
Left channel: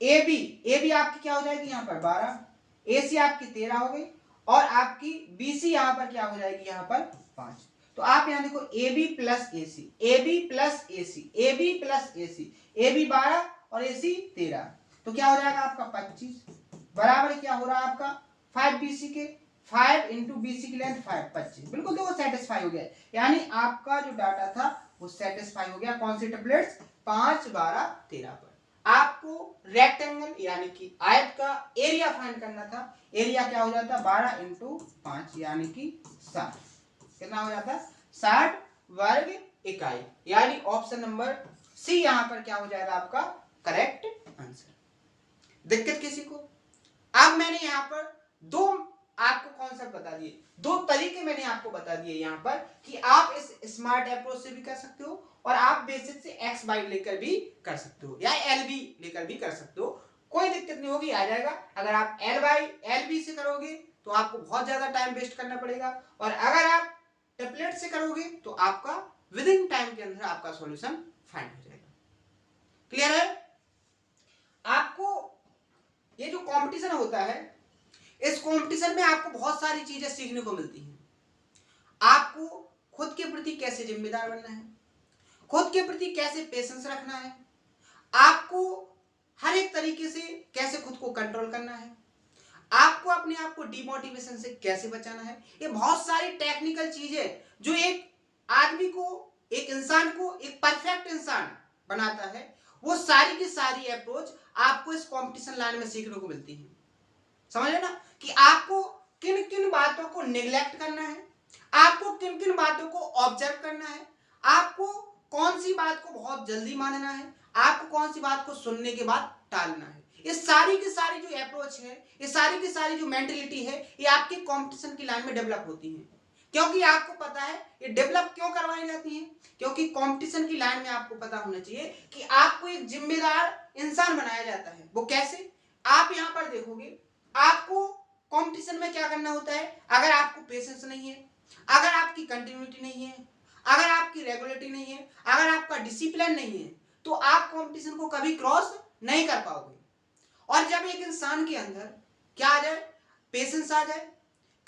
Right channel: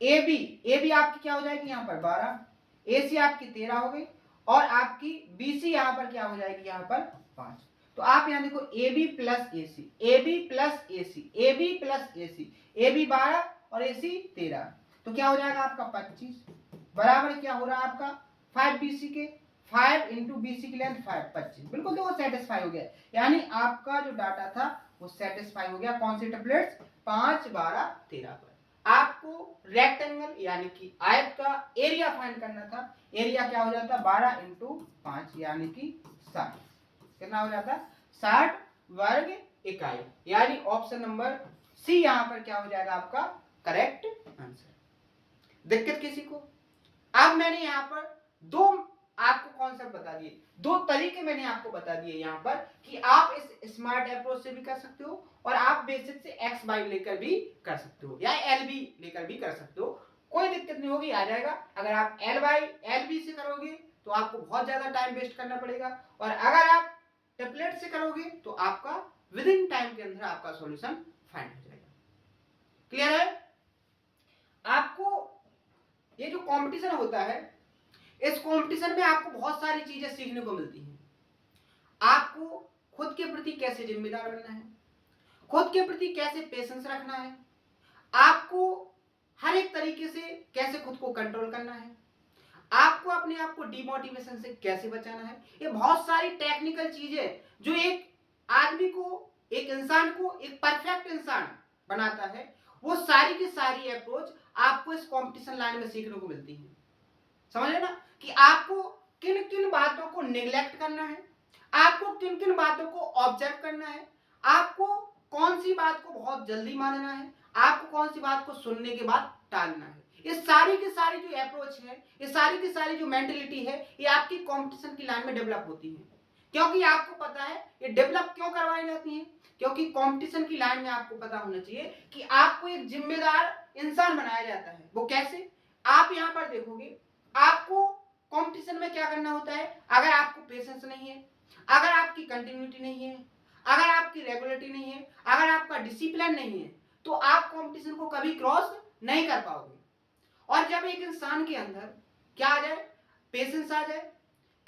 ए बी आपकी क्या हो जाएगी, यहां पर 12, AC आपकी 13 हो गई और आपकी BC यहाँ पर क्या हो जाएगी, यहाँ पर 5। तो आप यहाँ देखो AB plus AC, AB plus AC, AB plus AC, AB 12 और AC 13, तो क्या हो जाएगा आपका 25 बराबर क्या हो रहा है आपका 5 BC के, 5 इंटू BC की लेंथ 5, 25 बिल्कुल देखो सेटिस्फाई हो गया। यानी आपका जो डाटा था वो सेटिस्फाई हो गया कौन सी टेबलेट्स 5, 12, 13 पर। आपको रेक्टेंगल यानी कि आयत का एरिया फाइंड करना था। एरिया क्या हो जाता 12 इंटू 5 यानी कि 60, कितना हो जाता 60 वर्ग इकाई, यानी ऑप्शन नंबर सी यहां पर क्या हो जाएगा आपका करेक्ट आंसर। दिक्कत किसी को? अब मैंने यहां पर दो आपको कॉन्सेप्ट बता दिए, दो तरीके मैंने आपको बता दिए यहां पर कि आप इस स्मार्ट अप्रोच से भी कर सकते हो और आप बेसिक से एक्स बाई लेकर भी कर सकते हो या एल बी लेकर भी कर सकते हो, कोई दिक्कत नहीं होगी, आ जाएगा। अगर आप एल बाई एल बी से करोगे तो आपको बहुत ज्यादा टाइम वेस्ट करना पड़ेगा और अगर आप टेम्पलेट से करोगे तो आपका विद इन टाइम के अंदर आपका सॉल्यूशन फाइंड हो जाएगा। क्लियर है? आपको ये जो कंपटीशन होता है, इस कंपटीशन में आपको बहुत सारी चीजें सीखने को मिलती हैं। आपको खुद के प्रति कैसे जिम्मेदार बनना है, खुद के प्रति कैसे पेशेंस रखना है, आपको हर एक तरीके से कैसे खुद को कंट्रोल करना है, आपको अपने आप को डिमोटिवेशन से कैसे बचाना है। ये बहुत सारी टेक्निकल चीजें जो एक आदमी को, एक इंसान को एक परफेक्ट इंसान बनाता है, वो सारी की सारी अप्रोच आपको इस कंपटीशन लाइन में सीखने को मिलती है। समझे ना कि आपको किन किन बातों को निगलेक्ट करना है, आपको किन किन बातों को ऑब्जर्व करना है, आपको कौन सी बात को बहुत जल्दी मानना है, आपको कौन सी बात को सुनने के बाद टालना है। ये सारी की सारी जो अप्रोच है, ये सारी की सारी जो मेंटेलिटी है, ये आपकी कंपटीशन की लाइन में डेवलप होती है। क्योंकि आपको पता है ये डेवलप क्यों करवाई जाती है, क्योंकि कंपटीशन की लाइन में आपको पता होना चाहिए कि आपको एक जिम्मेदार इंसान बनाया जाता है। वो कैसे? आप यहां पर देखोगे आपको कंपटीशन में क्या करना होता है, अगर आपको पेशेंस नहीं है, अगर आपकी कंटिन्यूटी नहीं है, अगर आपकी रेगुलरिटी नहीं है, अगर आपका डिसिप्लिन नहीं है, तो आप कंपटीशन को कभी क्रॉस नहीं कर पाओगे। और जब एक इंसान के अंदर क्या आ जाए, पेशेंस आ जाए,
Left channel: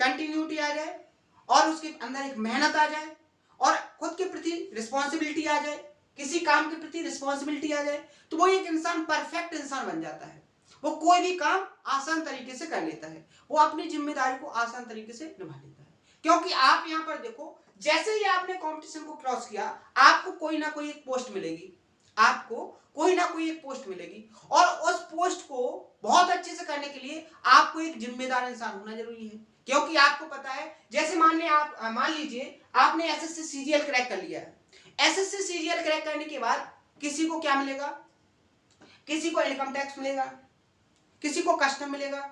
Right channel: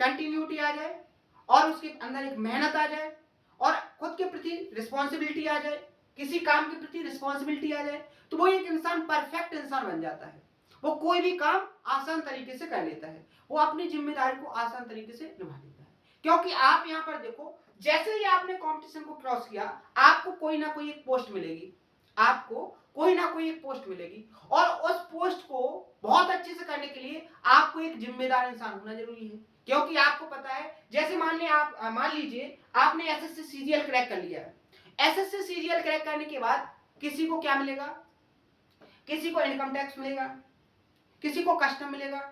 कंटिन्यूटी आ जाए और उसके अंदर एक मेहनत आ जाए और खुद के प्रति रिस्पॉन्सिबिलिटी आ जाए, किसी काम के प्रति रिस्पॉन्सिबिलिटी आ जाए, तो वो एक इंसान परफेक्ट इंसान बन जाता है। वो कोई भी काम आसान तरीके से कर लेता है, वो अपनी जिम्मेदारी को आसान तरीके से निभा लेता है। क्योंकि आप यहां पर देखो, जैसे ही आपने कंपटीशन को क्रॉस किया, आपको कोई ना कोई एक पोस्ट मिलेगी, आपको कोई ना कोई एक पोस्ट मिलेगी और उस पोस्ट को बहुत अच्छे से करने के लिए आपको एक जिम्मेदार इंसान होना जरूरी है। क्योंकि आपको पता है, जैसे मान लीजिए आपने एसएससी सीजीएल क्रैक कर लिया है, एसएससी सीजीएल क्रैक करने के बाद किसी को क्या मिलेगा, किसी को इनकम टैक्स मिलेगा, किसी को कस्टम मिलेगा,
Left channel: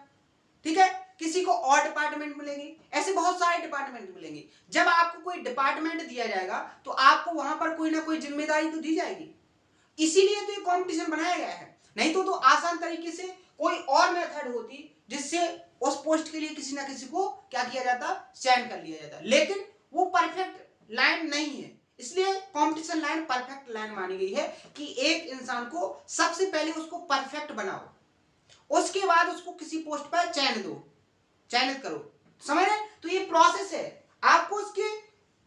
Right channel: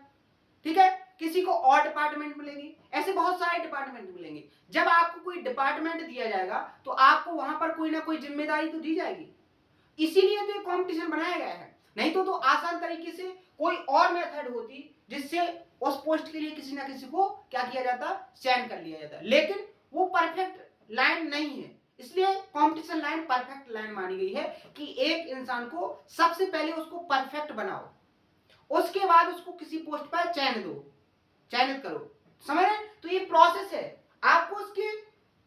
ठीक है, किसी को और डिपार्टमेंट मिलेगी, ऐसे बहुत सारे डिपार्टमेंट मिलेंगे। जब आपको कोई डिपार्टमेंट दिया जाएगा तो आपको वहां पर कोई ना कोई जिम्मेदारी तो दी जाएगी, इसीलिए तो ये कंपटीशन बनाया गया है। नहीं तो आसान तरीके से कोई और मेथड होती जिससे उस पोस्ट के लिए किसी ना किसी को क्या किया जाता, चयन कर लिया जाता, लेकिन वो परफेक्ट लाइन नहीं है। इसलिए कंपटीशन लाइन परफेक्ट लाइन मानी गई है कि एक इंसान को सबसे पहले उसको परफेक्ट बनाओ, उसके बाद उसको किसी पोस्ट पर चयनित करो। समझ रहे? तो ये प्रोसेस है, आपको उसके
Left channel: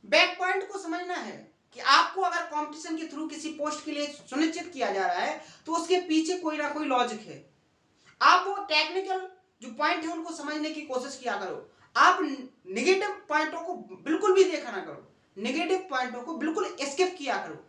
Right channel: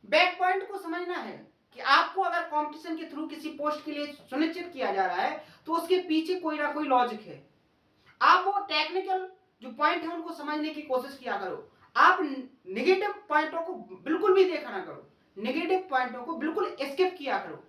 बैक पॉइंट को समझना है कि आपको अगर कंपटीशन के थ्रू किसी पोस्ट के लिए सुनिश्चित किया जा रहा है तो उसके पीछे कोई ना कोई लॉजिक है। आप वो टेक्निकल जो पॉइंट है उनको समझने की कोशिश किया करो। आप नेगेटिव पॉइंटों को बिल्कुल भी देखा ना करो, नेगेटिव पॉइंटों को बिल्कुल स्किप किया करो।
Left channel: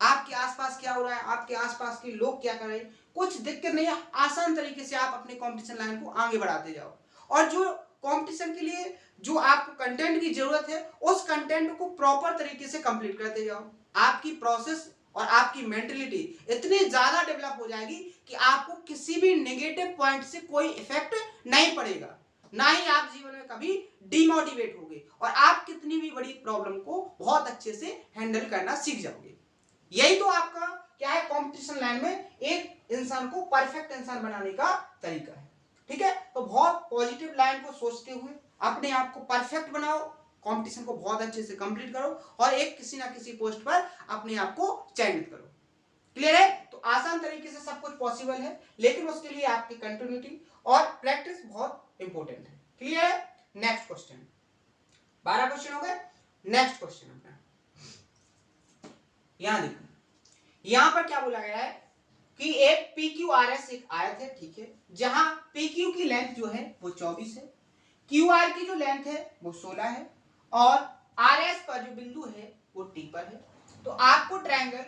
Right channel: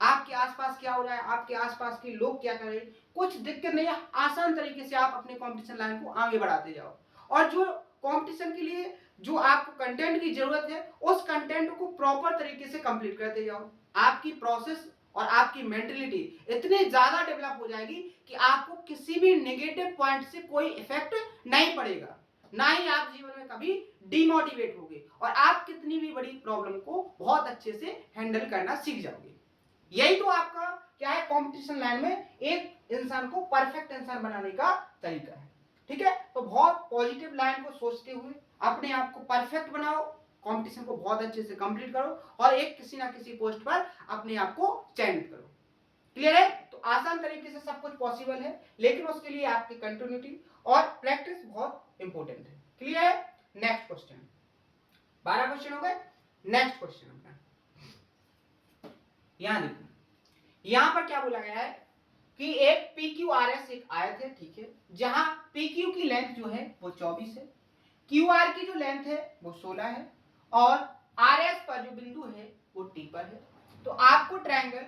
आपके आसपास क्या हो रहा है, आपके आसपास के लोग क्या कर रहे हैं, कुछ दिक्कत नहीं है, आसान तरीके से आप अपने कंपटीशन लाइन को आगे बढ़ाते जाओ। और जो कंपटीशन के लिए जो आपको कंटेंट की जरूरत है, उस कंटेंट को प्रॉपर तरीके से कंप्लीट करते जाओ। आपकी प्रोसेस और आपकी मेंटेलिटी इतनी ज्यादा डेवलप हो जाएगी कि आपको किसी भी नेगेटिव पॉइंट से कोई इफेक्ट नहीं पड़ेगा, ना ही आप जीवन में कभी डिमोटिवेट होगे और आप कितनी भी बड़ी प्रॉब्लम को बहुत अच्छे से हैंडल करना सीख जाओगे। यही तो आपका क्या है, कंपटीशन लाइन में एक इंसान को परफेक्ट इंसान बनाने का तरीका है। ठीक है, तो बहुत पॉजिटिव लाइन को सोचते हुए अपने आप को परफेक्ट बनाओ, कंपटीशन को बहुत अच्छे से कंप्लीट करो और एक किसी ना किसी पोस्ट पर अपने आप को चयनित करो। क्लियर है? तो तो आसान तरीके से सब कुछ पॉसिबल है, लेकिन उसके लिए आपकी कंटिन्यूटी और प्रैक्टिस बहुत इंपॉर्टेंट है। क्लियर है? नेक्स्ट क्वेश्चन, 12 क्वेश्चन हो गए। नेक्स्ट क्वेश्चन अपना यहां देखो, यहां पर क्या बोला गया है कि एक PQRS एक आयत है, ठीक है, जहां PQ की लेंथ जो है वो 24 है, QR की जो लेंथ है वो 16 है, और RS पर जो बिंदु है वो T पर है। तो आपको ट्रायंगल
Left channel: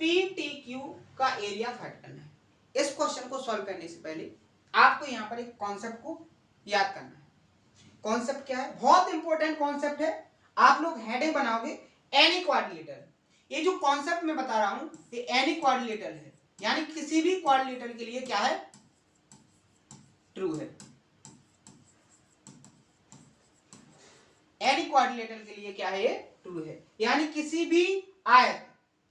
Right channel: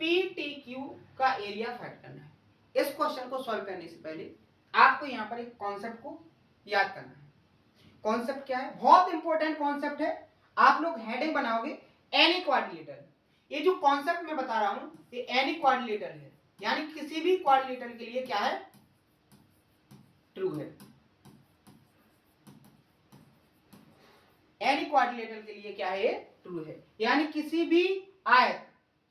PTQ का एरिया फाइंड करना है। इस क्वेश्चन को सॉल्व करने से पहले आपको यहां पर एक कॉन्सेप्ट को याद करना है। कॉन्सेप्ट क्या है? बहुत इंपॉर्टेंट कॉन्सेप्ट है। आप लोग हेडिंग बनाओगे एनी क्वाड्रिलेटरल। ये जो कॉन्सेप्ट मैं बता रहा हूं ये एनी क्वाड्रिलेटरल है, यानी किसी भी क्वाड्रिलेटरल के लिए क्या है? ट्रू है। एनी क्वाड्रिलेटरल के लिए क्या है? ये ट्रू है, यानी किसी भी आयत,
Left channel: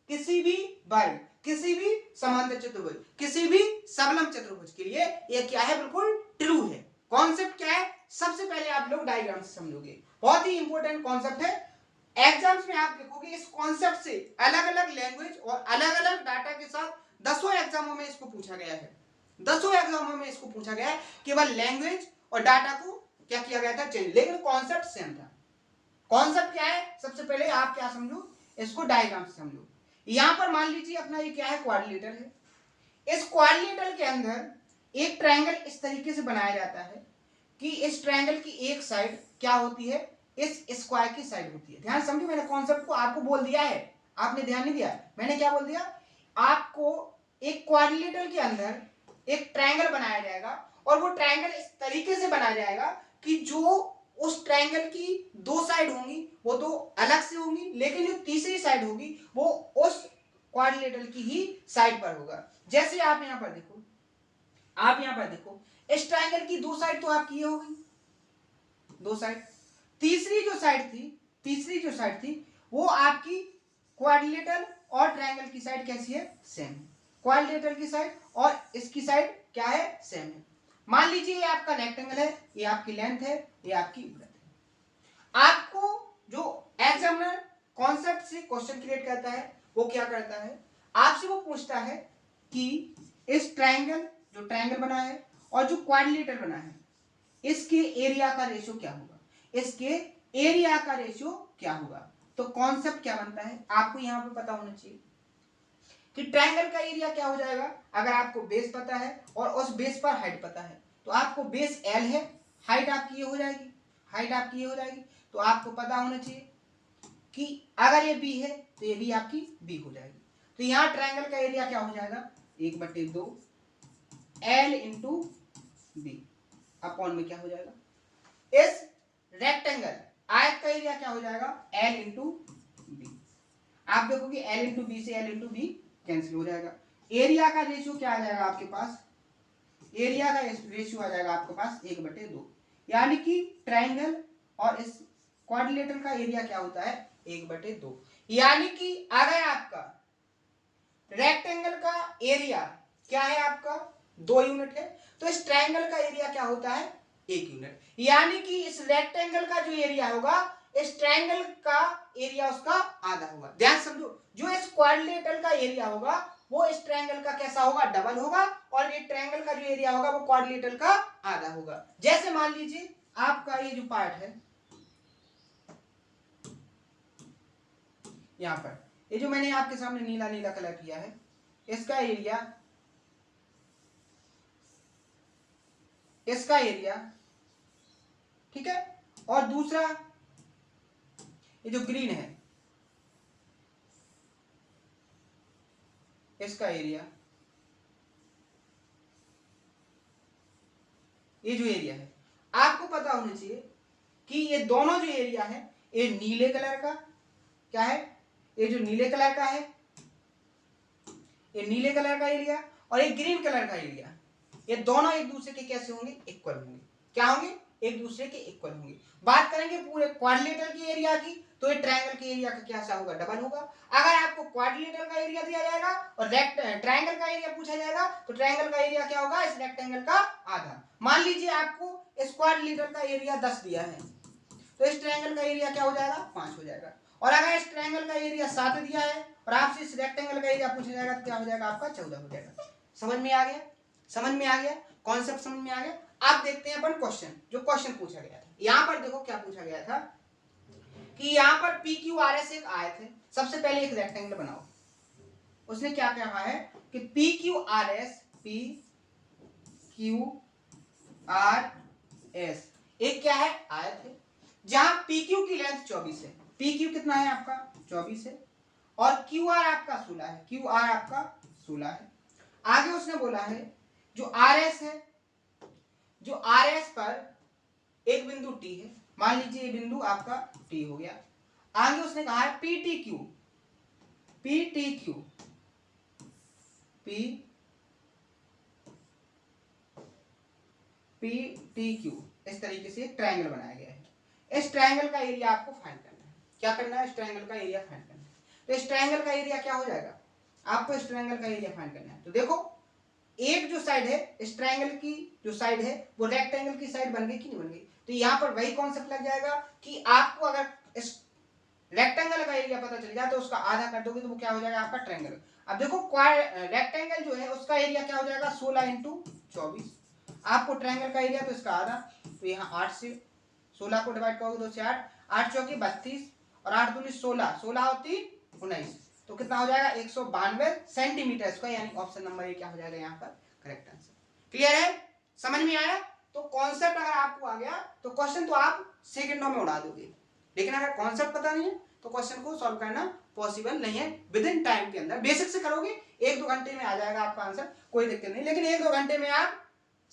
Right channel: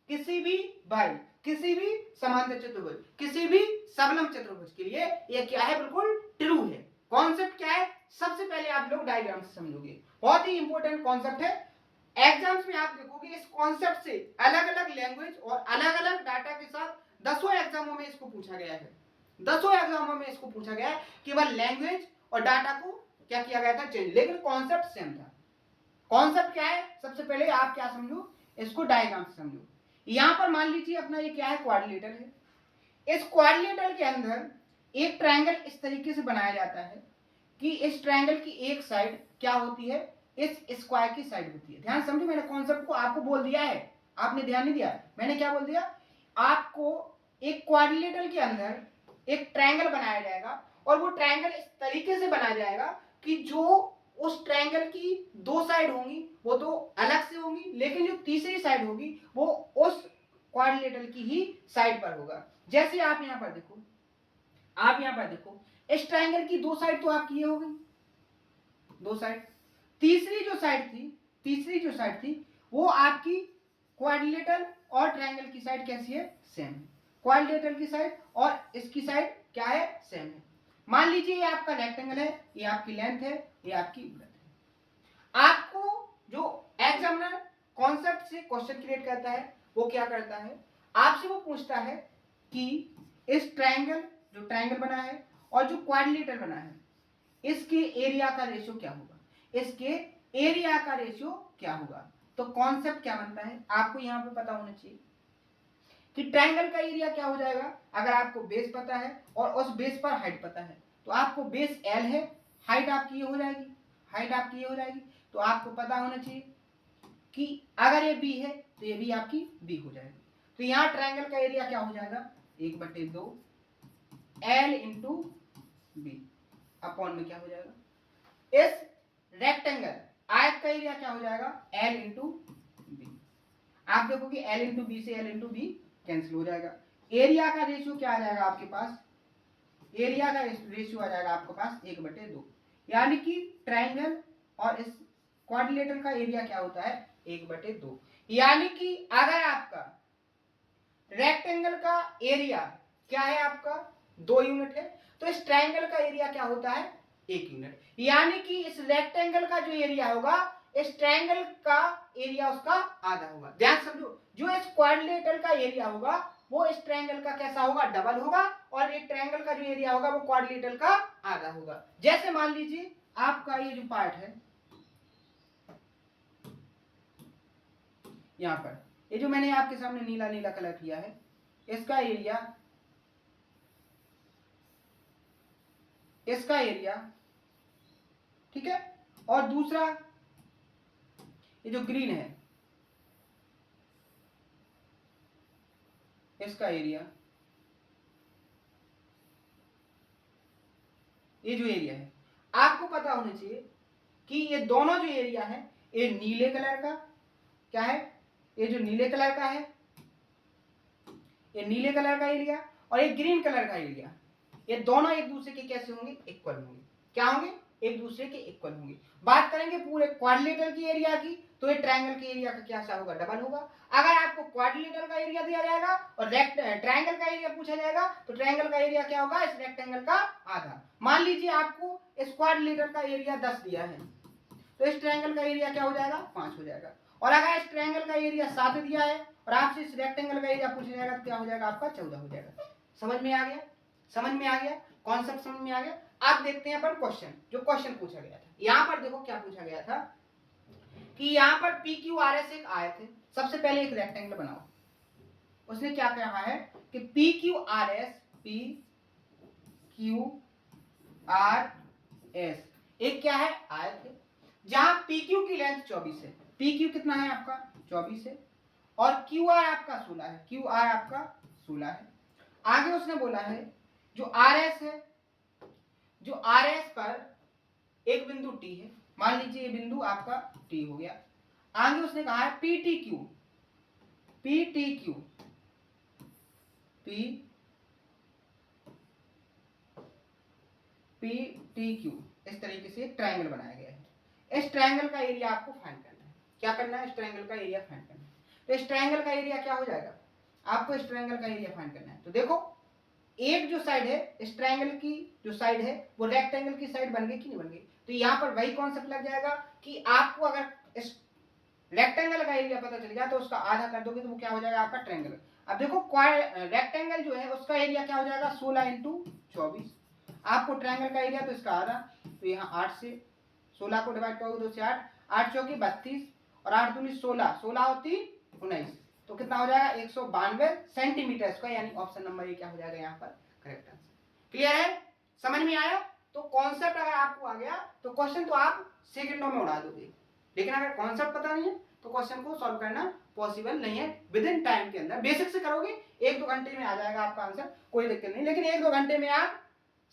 किसी भी वर्ग, किसी भी समांतर चतुर्भुज, किसी भी सबलम चतुर्भुज के लिए ये क्या है? बिल्कुल ट्रू है। कॉन्सेप्ट क्या है? सबसे पहले आप लोग डायग्राम से समझोगे, बहुत ही इंपॉर्टेंट कॉन्सेप्ट है। एग्जाम्स में आप देखोगे इस कॉन्सेप्ट से अलग अलग लैंग्वेज और अलग अलग डाटा के साथ दसों एग्जामों में इसको पूछा गया है। दसों एग्जामों में इसको पूछा गया है, केवल लैंग्वेज और डाटा को क्या किया गया था? चेंज, लेकिन कॉन्सेप्ट सेम था। कॉन्सेप्ट क्या है? सबसे पहले आप क्या समझो, इसको डायग्राम से समझो। यहां पर मान लीजिए अपना ये क्या है? क्वाड्रिलेटरल है। इस क्वाड्रिलेटरल के अंदर एक ट्रायंगल इस तरीके से बनाया जाता है कि इस ट्रायंगल की एक साइड क्या होती है? इस स्क्वायर की साइड होती है। ध्यान समझो, मैंने कॉन्सेप्ट को आपको बोल दिया है, आपने ध्यान नहीं दिया। मैंने क्या बोल दिया? आपको एक क्वाड्रिलेटरल के अंदर एक ट्रायंगल बनाया जाएगा, और वो ट्रायंगल इस तरीके से बनाया जाएगा कि जो उस ट्रायंगल की दो साइड होंगी वो तो अलग से होंगी, लेकिन जो तीसरी साइड होगी वो उस क्वाड्रिलेटरल की ही साइड पर होगा। जैसे आप यहां पर देखो, आप यहां पर देखो, इस ट्रायंगल की दो साइड तो आपकी ये होगी, दो साइड। तीसरी जो साइड थी, तीसरी जो साइड थी वो आपकी क्वाड्रिलेटरल और ट्रायंगल की साइड कैसी है? सेम है। क्वाड्रिलेटरल की साइड और इसकी साइड क्या है? सेम है। मान लीजिए ये आपका रेक्टेंगल है, ये आपकी लेंथ है, ये आपकी ब्रेड्थ है। आपको जो एग्जामिनर कॉन्सेप्ट से क्वेश्चन क्रिएट करता है वो क्या करता है? आपसे वो पूछता है कि इस ट्रायंगल, जो ट्रायंगल बना है और जो क्वाड्रिलेटरल बना है, इसके एरिया का रेशियो क्या होगा? इसके एरिया का रेशियो क्या होगा? तो कॉन्सेप्ट क्या बनता है? आपको यहां पे पता होना चाहिए कि ट्रायंगल का एरिया क्या हो जाएगा। अगर आपको बेस पता है और उस बेस पर हाइट पता है, तो आपको बेस L है, हाइट आपकी ये हो जाएगी, हाइट आपकी ये हो जाएगी। तो आपको पता होना चाहिए कि अगर ये B है तो ये भी आपकी B हो जाएगी। तो यहां ट्रायंगल का एरिया क्या हो जाएगा? 1/2 L इंटू बी अपॉन में क्या हो जाएगा? इस रेक्टेंगल आयत का एरिया क्या हो जाएगा? L into B. आप देखोगे L इंटू बी से L इंटू बी कैंसिल हो जाएगा। एरिया का रेशियो क्या आ जाएगा आपके पास? एरिया का रेशियो आ जाएगा आपके पास 1/2, यानी कि ट्रायंगल और इस क्वाड्रिलेटरल का एरिया क्या होता है? 1/2। यानी कि अगर आपका रेक्टेंगल का एरिया क्या है? आपका 2 यूनिट है, तो इस ट्रायंगल का एरिया क्या होता है? 1 यूनिट। यानी कि इस रेक्टेंगल का जो एरिया होगा, इस ट्रायंगल का एरिया उसका आधा होगा। ध्यान समझो, जो इस क्वाड्रिलेटरल का एरिया होगा वो इस ट्रायंगल का कैसा होगा? डबल होगा, और ये ट्रायंगल का जो एरिया होगा वो क्वाड्रिलेटरल का आधा होगा। जैसे मान लीजिए आपका ये जो पार्ट है यहां पर, ये जो मैंने आपके सामने नीला नीला कलर किया है, इसका एरिया, इसका एरिया, ठीक है, और दूसरा ये जो ग्रीन है इसका एरिया, ये जो एरिया है आपको पता होना चाहिए कि ये दोनों जो एरिया है ये नीले कलर का क्या है? ये जो नीले कलर का है, ये नीले कलर का एरिया और ये ग्रीन कलर का एरिया, ये दोनों एक दूसरे के कैसे होंगे? इक्वल होंगे। क्या होंगे? एक दूसरे के इक्वल होंगे। बात करेंगे पूरे क्वाड्रिलेटरल की एरिया की, तो ये ट्रायंगल के एरिया का क्या सा होगा? डबल होगा। अगर आपको क्वाड्रिलेटरल का एरिया दिया जाएगा और ट्रायंगल का एरिया पूछा जाएगा, तो ट्रायंगल का एरिया क्या होगा? इस रेक्टेंगल का आधा। मान लीजिए आपको इस क्वाड्रिलेटरल का एरिया 10 दिया है, तो इस ट्रायंगल का एरिया क्या हो जाएगा? 5 हो जाएगा। और अगर इस ट्रायंगल का एरिया 7 दिया है और आपसे इस रेक्टेंगल का एरिया पूछा जाएगा तो क्या हो जाएगा आपका 14 हो जाएगा। समझ में आ गया? समझ में आ गया? कॉन्सेप्ट समझ में आ गया? आप देखते हैं अपन क्वेश्चन, जो क्वेश्चन पूछा गया था। यहां पर देखो क्या पूछा गया था कि यहां पर पी क्यू आर एस एक आए थे। सबसे पहले एक रेक्टेंगल बनाओ। उसने क्या कहा है कि पी क्यू आर एस एक क्या है आयत है, जहां पी क्यू की लेंथ 24 है। पी क्यू कितना है आपका 24 है और क्यू आर आपका 16 है। क्यू आर आपका 16 है। आगे उसने बोला है जो आर एस है, जो आर एस पर एक बिंदु टी है, मान लीजिए ये बिंदु आपका टी हो गया। आगे उसने कहा है पी टी क्यू इस तरीके से एक ट्रायंगल बनाया गया है। इस ट्रायंगल का एरिया आपको फाइंड करना है। क्या करना है? इस ट्रायंगल का एरिया फाइंड करना है। तो इस ट्रायंगल का एरिया क्या हो जाएगा? आपको इस ट्रायंगल का एरिया फाइंड करना है। तो देखो एक जो साइड है इस ट्रायंगल की जो साइड है वो रेक्टेंगल की साइड बन गई कि नहीं बन गई? तो यहां पर वही कॉन्सेप्ट लग जाएगा कि आपको अगर इस रेक्टेंगल का एरिया पता चल जाए तो उसका आधा कर दोगे तो वो क्या हो जाएगा आपका ट्रायंगल। अब देखो रेक्टेंगल जो है उसका एरिया क्या हो जाएगा 16 इंटू 24। आपको ट्रायंगल का एरिया तो इसका आधा, तो यहाँ 8 से 16 को डिवाइड करोगे 2 से 8, 8 चौकी 32 और 8 दूनी 16, 16 और 3 19, तो कितना हो जाएगा 192 सेंटीमीटर स्क्वायर, यानी ऑप्शन नंबर ए क्या हो जाएगा यहाँ पर करेक्ट आंसर। क्लियर है? समझ में आया? तो कॉन्सेप्ट अगर आपको आ गया तो क्वेश्चन तो आप सेकंडों में उड़ा दोगे, लेकिन अगर कॉन्सेप्ट पता नहीं है तो क्वेश्चन को सॉल्व करना पॉसिबल नहीं है। विद इन टाइम के अंदर बेसिक से करोगे 1-2 घंटे में आ जाएगा आपका आंसर, कोई दिक्कत नहीं, लेकिन 1-2 घंटे में आप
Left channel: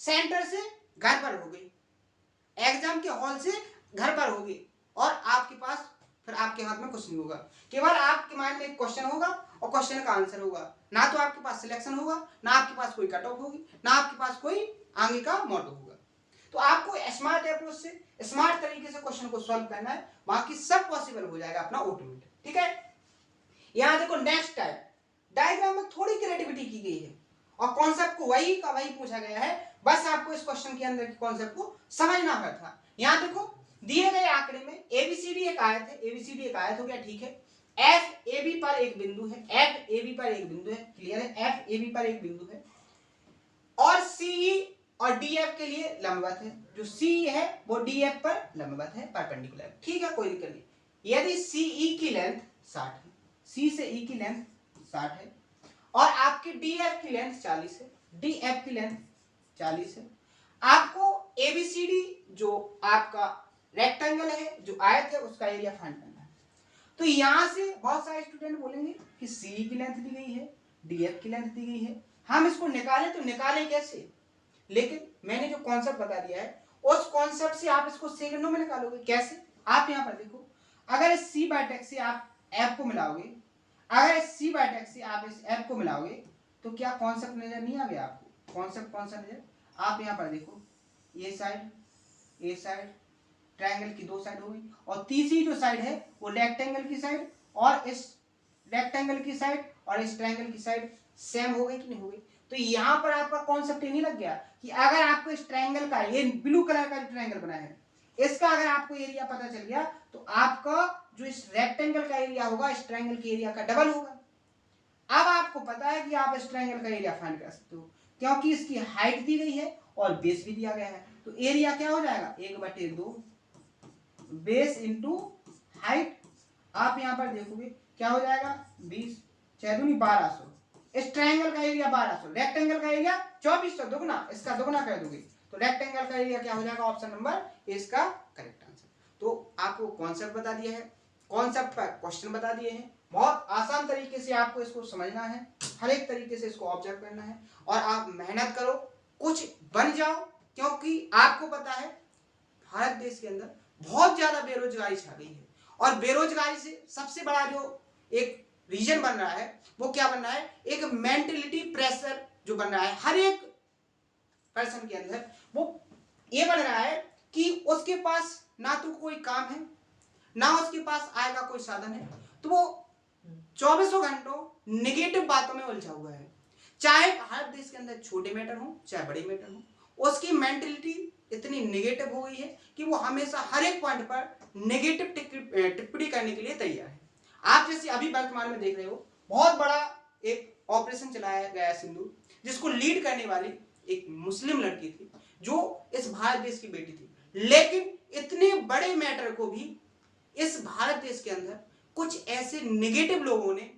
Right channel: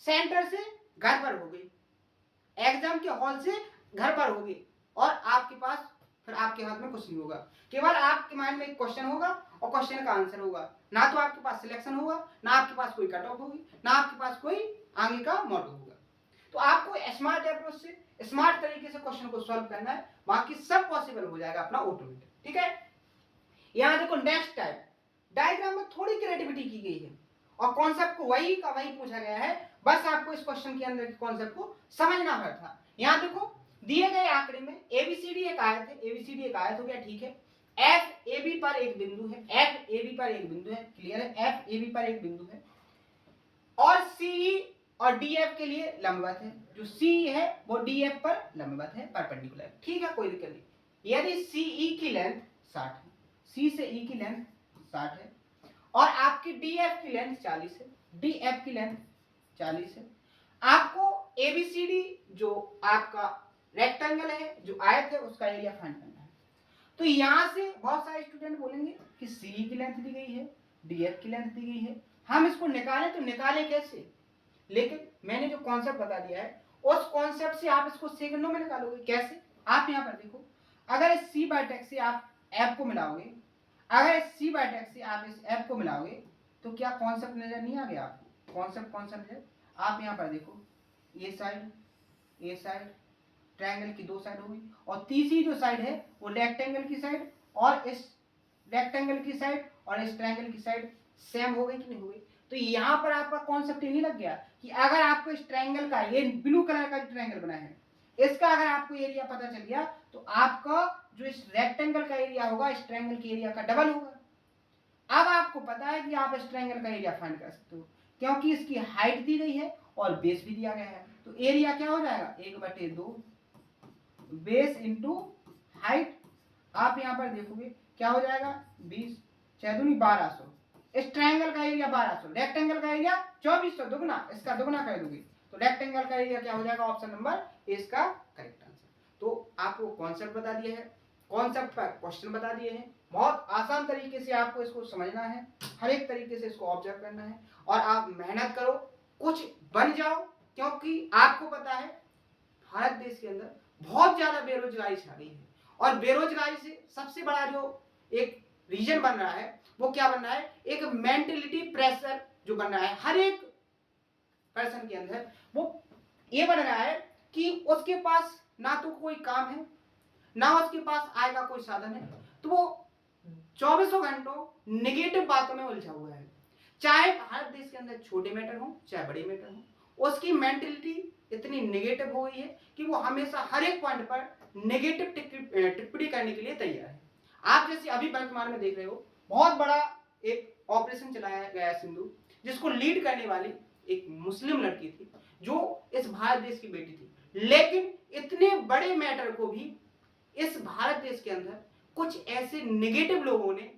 सेंटर से घर पर होगे, एग्जाम के हॉल से घर पर होगे और आपके पास फिर आपके हाथ में कुछ नहीं होगा, केवल आपके माइंड में एक क्वेश्चन होगा और क्वेश्चन का आंसर होगा। ना तो आपके पास सिलेक्शन होगा, ना आपके पास कोई कट ऑफ होगी, ना आपके पास कोई आगे का मोटो होगा। तो आपको स्मार्ट अप्रोच से स्मार्ट तरीके से क्वेश्चन को सॉल्व करना है, बाकी सब पॉसिबल हो जाएगा अपना ऑटोमेटिक। ठीक है? यहां देखो नेक्स्ट टाइप डायग्राम में थोड़ी क्रिएटिविटी की गई है और कॉन्सेप्ट को वही का वही पूछा गया है, बस आपको इस क्वेश्चन के अंदर के कॉन्सेप्ट को समझना है था। यहां देखो दिए गए आंकड़े में एबीसीडी एक आयत है, एबीसीडी एक आयत हो गया, ठीक है। एफ ए बी पर एक बिंदु है, एफ ए बी पर एक बिंदु है, क्लियर है? एफ ए बी पर एक बिंदु है और सी और डी एफ के लिए लंबवत है, जो सी है वो डी एफ पर लंबवत है, परपेंडिकुलर, ठीक है, कोई दिक्कत नहीं। यदि सी ई की लेंथ 60 है, सी से ई की लेंथ 60 है और आपकी डी एफ की लेंथ 40 है, डी एफ की लेंथ 40 है, आपको एबीसीडी जो आपका रेक्टेंगल है, जो आयत है, उसका एरिया फाइंड करना है। तो यहां से बहुत सारे स्टूडेंट बोलेंगे कि सी की लेंथ दी गई है, डी एफ की लेंथ दी गई है, हम इसको निकालें तो निकालें कैसे? लेकिन मैंने जो कॉन्सेप्ट बता दिया है उस कॉन्सेप्ट से आप इसको सेकंडों में निकालोगे। कैसे? आप यहां पर देखो, अगर इस सी बाय टेक्स से आप एफ को मिलाओगे, अगर इस सी बाय टेक्स से आप इस एफ को मिलाओगे तो क्या कॉन्सेप्ट नजर नहीं आ गया आपको? कॉन्सेप्ट कौन सा नजर? आप यहां पर देखो, ये साइड, ये साइड, ट्रायंगल की 2 साइड हो गई और तीसरी जो साइड है वो रेक्टेंगल की साइड, और इस रेक्टेंगल की साइड और इस ट्रायंगल की साइड सेम हो गई कि नहीं हो गई? तो यहां पर आपका कॉन्सेप्ट ये नहीं लग गया कि अगर आपको इस ट्रायंगल का, ये ब्लू कलर का जो ट्रायंगल बना है, इसका अगर आपको एरिया पता चल गया तो आपका जो इस रेक्टेंगल का एरिया होगा इस ट्रायंगल के एरिया का डबल होगा। अब आपको पता है कि आप इस ट्रायंगल का एरिया फाइंड कर सकते हो क्योंकि इसकी हाइट दी गई है और बेस भी दिया गया है। तो एरिया क्या हो जाएगा 1/2 बेस इंटू हाइट। आप यहां पर देखोगे क्या हो जाएगा 20 6 दूनी 1200। इस ट्रायंगल का एरिया 1200, रेक्टेंगल का एरिया 2400, दुगना, इसका दुगना कर दोगे तो रेक्टेंगल का एरिया क्या हो जाएगा? ऑप्शन नंबर ए इसका करेक्ट आंसर। तो आपको कॉन्सेप्ट बता दिया है, कॉन्सेप्ट पर क्वेश्चन बता दिए हैं, बहुत आसान तरीके से आपको इसको समझना है, हर एक तरीके से इसको ऑब्जर्व करना है और आप मेहनत करो, कुछ बन जाओ, क्योंकि आपको पता है भारत देश के अंदर बहुत ज्यादा बेरोजगारी छा गई है और बेरोजगारी से सबसे बड़ा जो एक रीजन बन रहा है वो क्या बन रहा है? एक मेंटलिटी प्रेशर जो बन रहा है हर एक पर्सन के अंदर, वो ये बन रहा है कि उसके पास ना तो कोई काम है, ना उसके पास आय का कोई साधन है, तो वो 24 घंटों नेगेटिव बातों में उलझा हुआ है। चाहे भारत देश के अंदर छोटे मैटर हो चाहे बड़े मैटर हो, उसकी मेंटलिटी इतनी नेगेटिव हो गई है कि वो हमेशा हर एक पॉइंट पर नेगेटिव टिप्पणी करने के लिए तैयार है। आप जैसे अभी वर्तमान में देख रहे हो, बहुत बड़ा एक ऑपरेशन चलाया गया सिंदूर, जिसको लीड करने वाली एक मुस्लिम लड़की थी जो इस भारत देश की बेटी थी। लेकिन इतने बड़े मैटर को भी इस भारत देश के अंदर कुछ ऐसे नेगेटिव लोगों ने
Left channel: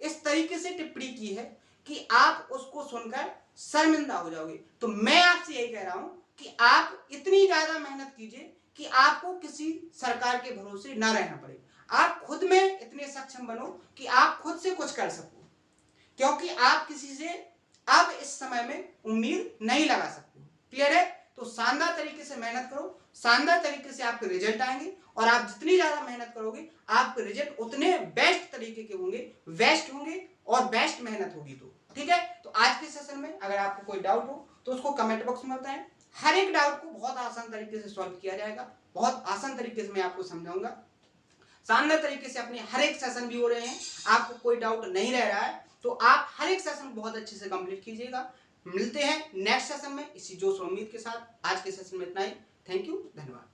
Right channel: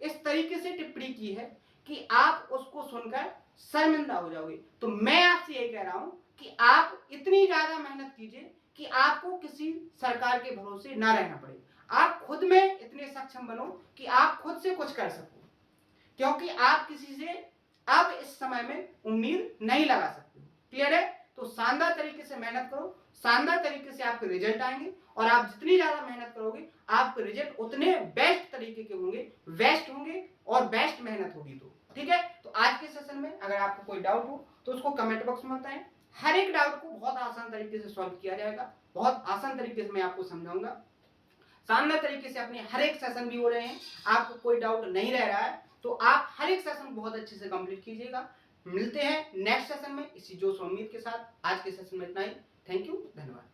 इस तरीके से टिप्पणी की है कि आप उसको सुनकर शर्मिंदा हो जाओगे। तो मैं आपसे यही कह रहा हूं कि आप इतनी ज्यादा मेहनत कीजिए कि आपको किसी सरकार के भरोसे ना रहना पड़े। आप खुद में इतने सक्षम बनो कि आप खुद से कुछ कर सको, क्योंकि आप किसी से अब इस समय में उम्मीद नहीं लगा सकते हो। क्लियर है? तो शानदार तरीके से मेहनत करो, शानदार तरीके से आपके रिजल्ट आएंगे, और आप जितनी ज्यादा मेहनत करोगे आपके रिजल्ट उतने बेस्ट तरीके के होंगे, बेस्ट होंगे और बेस्ट मेहनत होगी। तो ठीक है, तो आज के सेशन में अगर आपको कोई डाउट हो तो उसको कमेंट बॉक्स में बताएं। हर एक डाउट को बहुत आसान तरीके से सॉल्व किया जाएगा, बहुत आसान तरीके से मैं आपको समझाऊंगा। शानदार तरीके से अपने हर एक सेशन भी हो रहे हैं, आपको कोई डाउट नहीं रह रहा है, तो आप हर एक सेशन बहुत अच्छे से कंप्लीट कीजिएगा। मिलते हैं नेक्स्ट सेशन में इसी जोश और उम्मीद के साथ। आज के सेशन में इतना ही। थैंक यू, धन्यवाद।